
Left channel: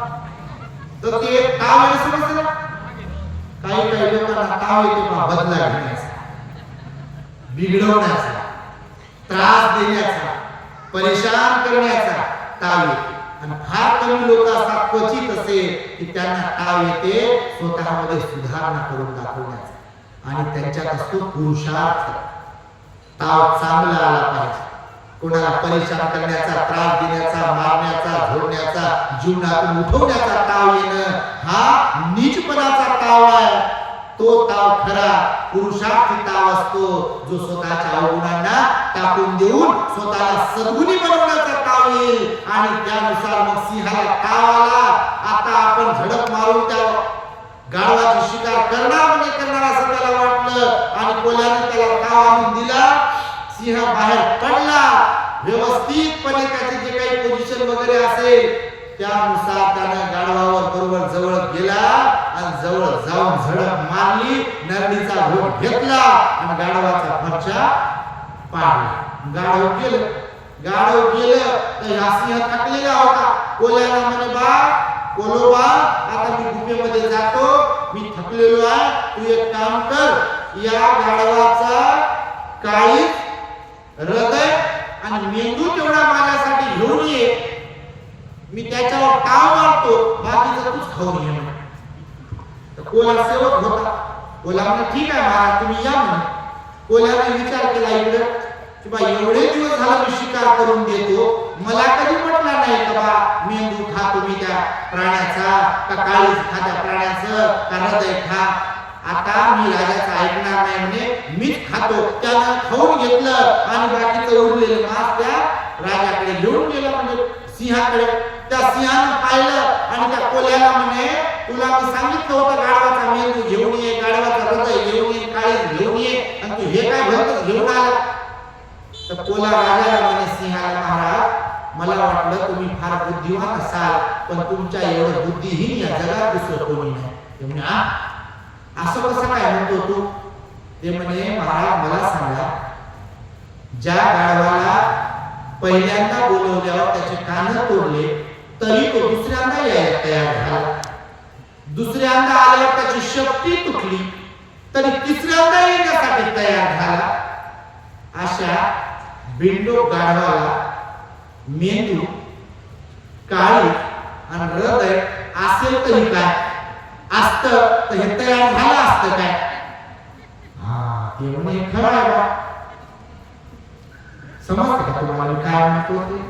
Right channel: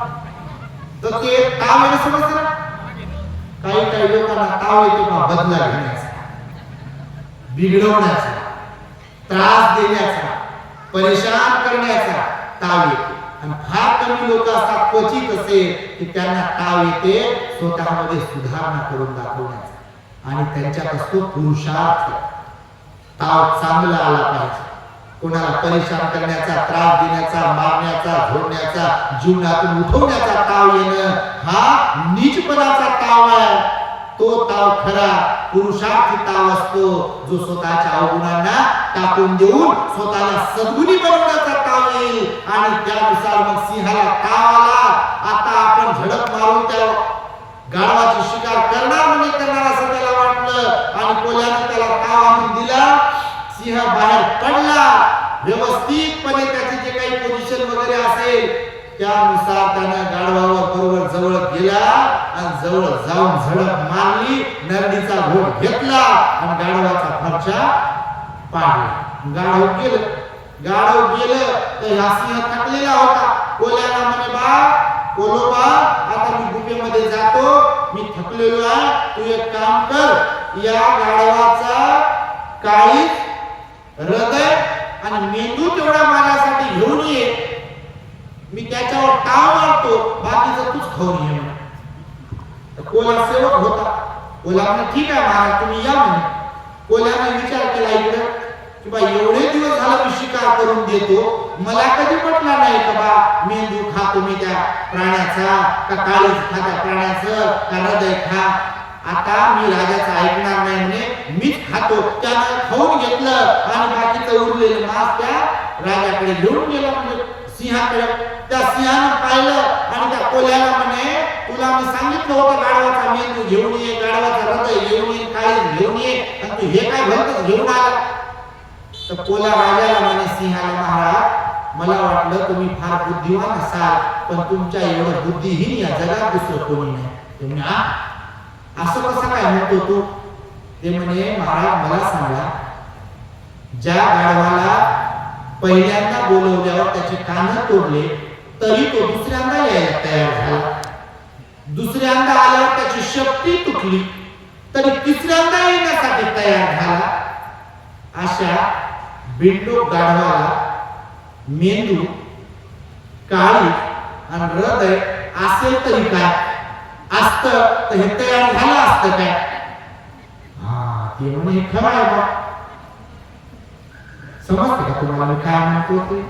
तर ते ताव येणं समजते ना. काही काही लोकांना ताव येतो का बदला घेण्याचा, बिघडवण्याचा, त्रास देण्याचा, परेशान करण्याचा ताव येतो. आणि फार कमी लोक असतात क्वचित असे की त्यांना ताव येते स्वतःमध्ये सुधारणा करून दाखवण्याचा, आणि त्यांच्यात असतो पुरुषार्थ. ताव चांगला आला पाहिजे, कोणाला परेशान करण्याचा, त्रास देण्याचा, मारण्याचा, झोडण्याचा, जीवनातून उठवण्याचा ताव येणं हा नीचपणाचा ताव आहे. तो ताव खरा पुरुषार्थी ताव असतो, जो स्वतःच्या अवगुणांना टाकून देऊन स्वतःला सद्गुणी बनवण्याचा ताव येईल. आणि त्यानुसार मग सिंहाला ताव आला. आता आपण झडप मारून त्या गाढवाची शिकार करणार म्हणजे करणार असं त्याला वाटलं, आणि कोल्यानं त्याला ताव आणून दिला. सिंह बाहेर पडला. व्यवस्थितपणे त्याचे जे काही पोझिशन वगैरे असेल त्यानुसार त्यानं गाढवावर बरोबर जवळ गेला आणि जवळ जाऊन झडप मारली. नरडीचा घोट घेतला आणि गाढवाचा फरशा पाडला. गाढव गेलं तर हा सिंह थकलेला होता. कोल्याला म्हणे, कोलोबा आता मी गुफेमध्ये जातो, मी थकलेलो आहे, तू एक काम कर, या गाढवाचा काळीज, हृदय आणि मेंदू तेवढा माझ्यासाठी घेऊन ये, मी त्याच्यावर ताव मारतो, बाकीचं तूच खाऊन ये म्हणे. तर कोला सेवक होता. कोला म्हणे ठीक आहे महाराज, तुम्ही या म्हणे. कोल्याने विचार केला इकडे की बा एवढे दिवस झालं मी शिकार करून देतो, मला कधी म्हटला नाही का बा मेंदू खातो मी त्या प्राण्याचा, का काळीज खा त्या प्राण्याचं, का हृदय खा. आता मी राजाचं ऐकणार नाही म्हणे, मीच खातो. त्यानं खाऊन घेतलं आणि बाकीचं उरलेलं मांस त्या राजाकडे घेऊन गेलं, म्हणजे सिंहाकडे. त्या सिंहानं पाहिलं आणि त्या कोल्याला म्हणे, तुला मी सांगितलं होतं गाढवाचा मेंदू घेऊन ये, गाढवाचा हृदय घेऊन ये, काळीज घेऊन ये, आणि तू हे काय भलतच घेऊन आला. तर कोला राजाला म्हणे सिंहाला, महाराज मला वाटलं तुम्ही फार बुद्धिवान असाल, पण तुमच्या एवढं बुद्धिहीन या जगात दुसरं कोणी नाही. ते म्हणे, असं कसं काय म्हणतो तू? ते म्हणे, महाराज मला सांगा, ज्या गाढवाला पहिल्यांदा बोलवल्यावर त्याचे कान तोडले तरी तो दुसऱ्यांदा यायला तयार झाला, दुसऱ्यांदा आल्यावर त्याची शक्ती तुटली तरी तिसऱ्यांदा येण्यासाठी तयार झाला, अशा बिंडोक गाढवाला मेंदू, काळी आणि हृदय असेल तरी काय, असतं तर हे तयार झालं असतं काय? ते म्हणे खरं आहे बा. समजते का तुम्हाला मी काय म्हणतो ते?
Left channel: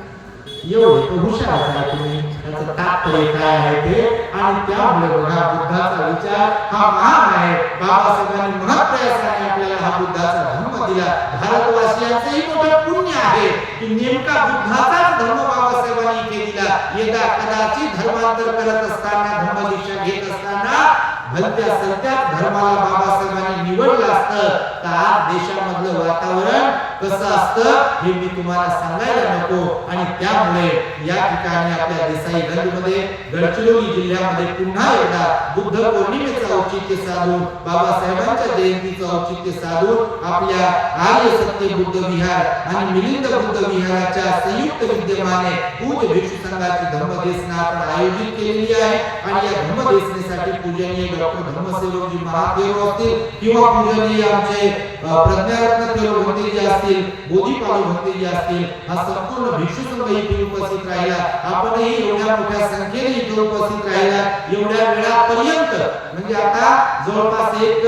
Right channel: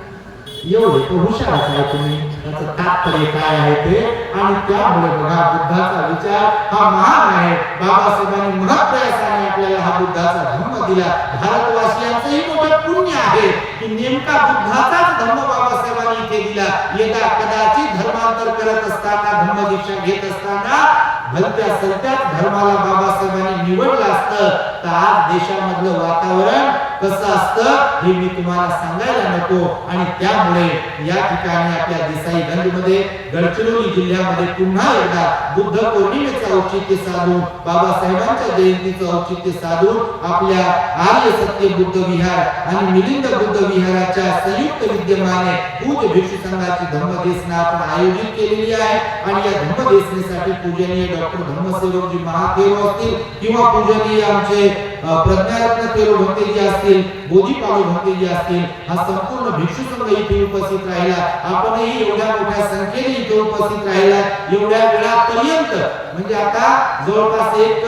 एवढे तो हुशारच आहे तुम्ही, त्याचं तात्पर्य काय आहे ते. आणि त्यामुळे बघा बुद्धाचा विचार हा महान आहे. बाबासाहेबांनी महत्प्रयासाने आपल्याला हा बुद्धाचा धम्म दिला. भारतवासियांचंही मोठं पुण्य आहे की नेमका बुद्धाचाच धम्म बाबासाहेबांनी इथे दिला. यदा कदाचित धर्मांतर करत असताना, धम्मदीक्षा घेत असताना भलत्या सलत्याच धर्माला बाबासाहेबांनी निवडलं असतं तर आज देशामधलं वातावरण कसं असतं हे मी तुम्हाला सांगायला नको. आणि त्यामुळे या ठिकाणी आपल्या देसाईगंजमध्ये, गडचिरोली जिल्ह्यामध्ये पुन्हा एकदा बुद्ध पौर्णिमेचं औचित्य साधून, बाबासाहेबांच्या जयंतीचं औचित्य साधून आपल्या आर्य सत्य बुद्ध विहार आणि मिलिंद बुद्ध विहाराच्या संयुक्त विद्यमाने पूज्य भिक्षू संघाची धम्मदेसना आपण आयोजित केलेली आहे. आणि या धम्मदेसनेसाठी पूजनीय डॉक्टर धम्मसेवकजी महादेव असतील किंवा पूजनीय आमचे प्रज्ञारत्न थेरो भंतेजी असतील, बोधीपालो भंतेजी असतील, हा संपूर्ण भिक्षू संघ इथे उपस्थित राहिला. आपणही एवढ्या मोठ्या संख्येने इथे उपस्थित राहिला. एवढ्या वेळापर्यंत म्हणजे आता जवळपास 1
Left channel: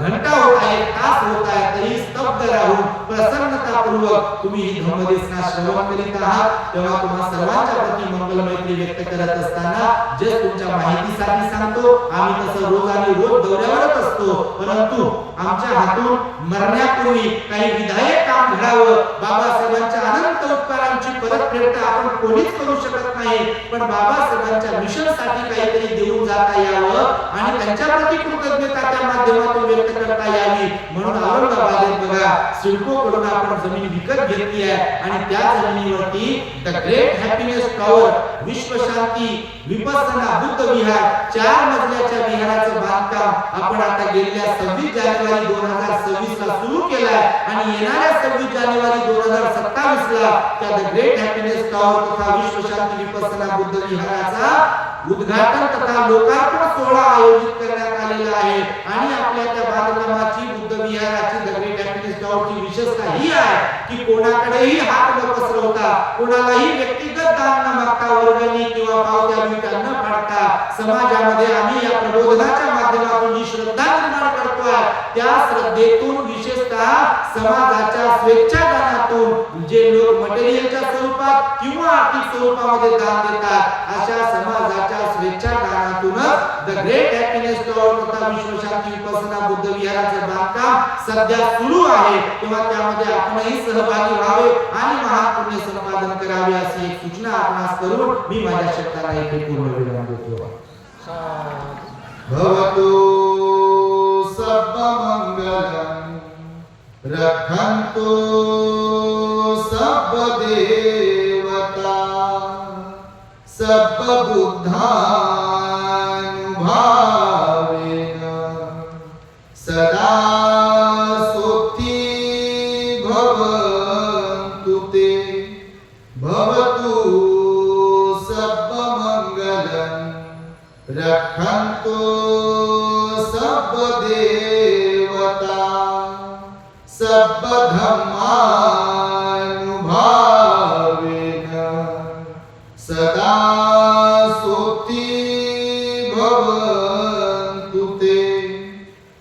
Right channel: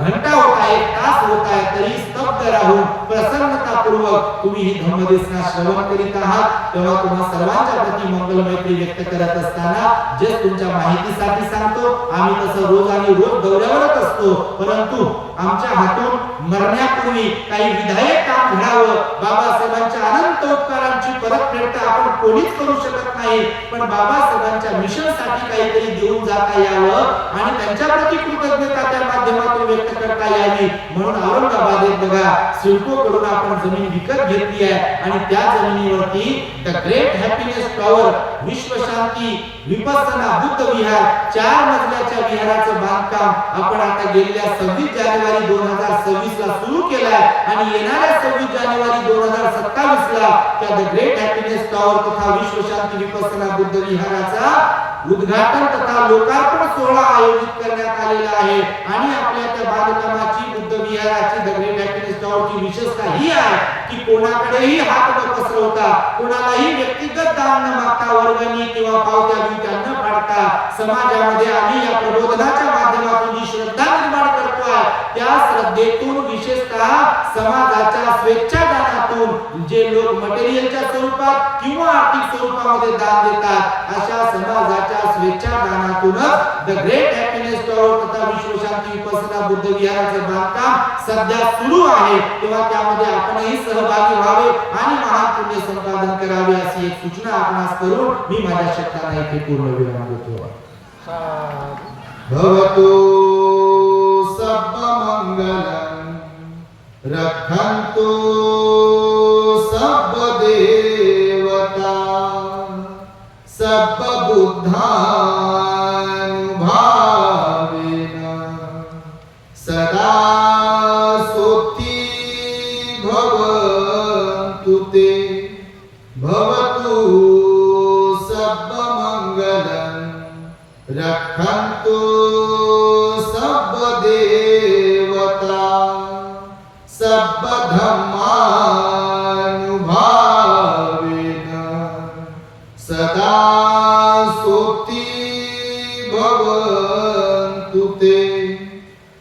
घंटा होता, 1 तास होत आहे, तरी स्तब्ध राहून प्रसन्नतापूर्वक तुम्ही ही धम्मदेसना श्रवण करीत आहात. तेव्हा तुम्हा सर्वांच्या प्रती मंगल मैत्री व्यक्त करत असताना जस्ट तुमच्या माहितीसाठी सांगतो, आम्ही तसं रोज आणि रोज दौऱ्यावरच असतो, परंतु आमच्या हातून मरण्यापूर्वी काही विधायक काम घडावं. बाबासाहेबांच्या अनंत उपकारांची परतफेड तर आपण कोणीच करू शकत नाही, पण बाबासाहेबांच्या मिशनसाठी काहीतरी देऊन जाता यावं आणि त्यांच्याप्रती कृतज्ञता त्या माध्यमातून व्यक्त करता यावी म्हणून औरंगाबादेत बघा सिडको कडून आपण जमीन विकत घेतली आहे आणि त्या जमिनीवरती द ग्रेट हॅपीनेस टॉवर, विश्वशांती विपස්සना बुद्ध विहार 4 मजल्याच्या विहाराचं बांधकाम आपण आता गेलेल्या 26 जानेवारी 2026 ला सुरू केलाय आणि येणाऱ्या 26 जानेवारी 2027 ला त्या द ग्रेट हॅपीनेस टॉवर तथा विश्वशांती विपස්සना बुद्ध विहाराचा उद्घाटन तथा लोकार्पण सोहळा आयोजित करण्यात आलेला आहे. आणि आपल्या त्या बांधकामाची बुद्ध विहाराची द ग्रेट हॅपीनेस टॉवरची विशेषता ही आहे की कोणाकडेही हात न पसरवता, कोणालाही व्यक्तिगत दान न मागता, वर्गणी किंवा पावत्या बिवत्या न फाडता समाजामध्ये आम्ही या प्रबोधनाच्या माध्यमातून जी श्रद्धा निर्माण करतोय त्या श्रद्धेतून विशेषतः समाजाच्या स्वेच्छादानातून जे लोक मटेरियलच्या स्वरूपात किंवा आर्थिक स्वरूपामध्ये दान देतात अशा समाजाच्या स्वेच्छादानातूनच द ग्रेट हॅपीनेस टॉवर तथा विश्वशांती विपස්සना बुद्ध विहाराचं बांधकाम सध्या सुरू आहे. तेव्हा त्यामध्ये आपणही सहभागी व्हावे आणि महान पुण्य संपादन करावे अशी एक सूचना आपणास करून मी माझ्या शब्दांना इथे पूर्ण विराम देतो. भवतु सब्ब मंगलम रक्षन्तु सब्ब देवता सब्ब बुद्धानुभावेन सदा सोत्ती भवन्तु ते भवतु सब्ब मंगलम रक्षन्तु सब्ब देवता सब्ब धम्मानुभावेन सदा सोत्ती भवन्तु ते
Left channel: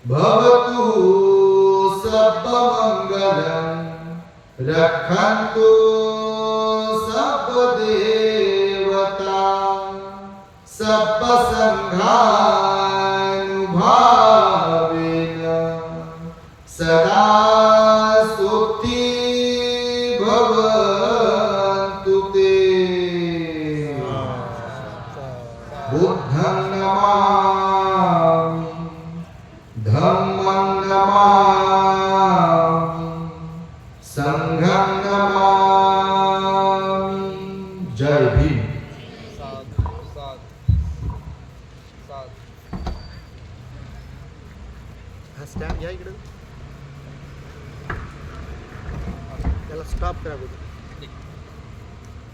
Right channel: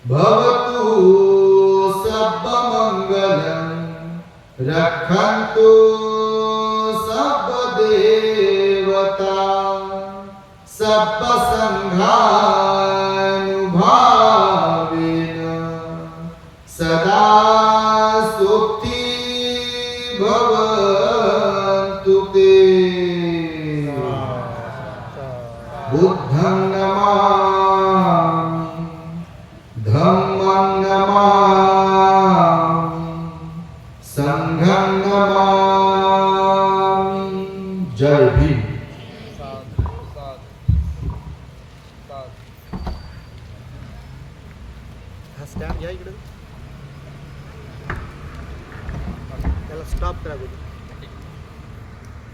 भवतु सब्ब मंगलम रक्षन्तु सब्ब देवता सब्ब संघानुभावेन सदा सोत्ती भवन्तु ते. बुद्धं नमामि धम्मं नमामि संघं नमामि. जय भीम. हा स्टँड घ्या इकडे, त्याला स्टॉप करा अगोदर.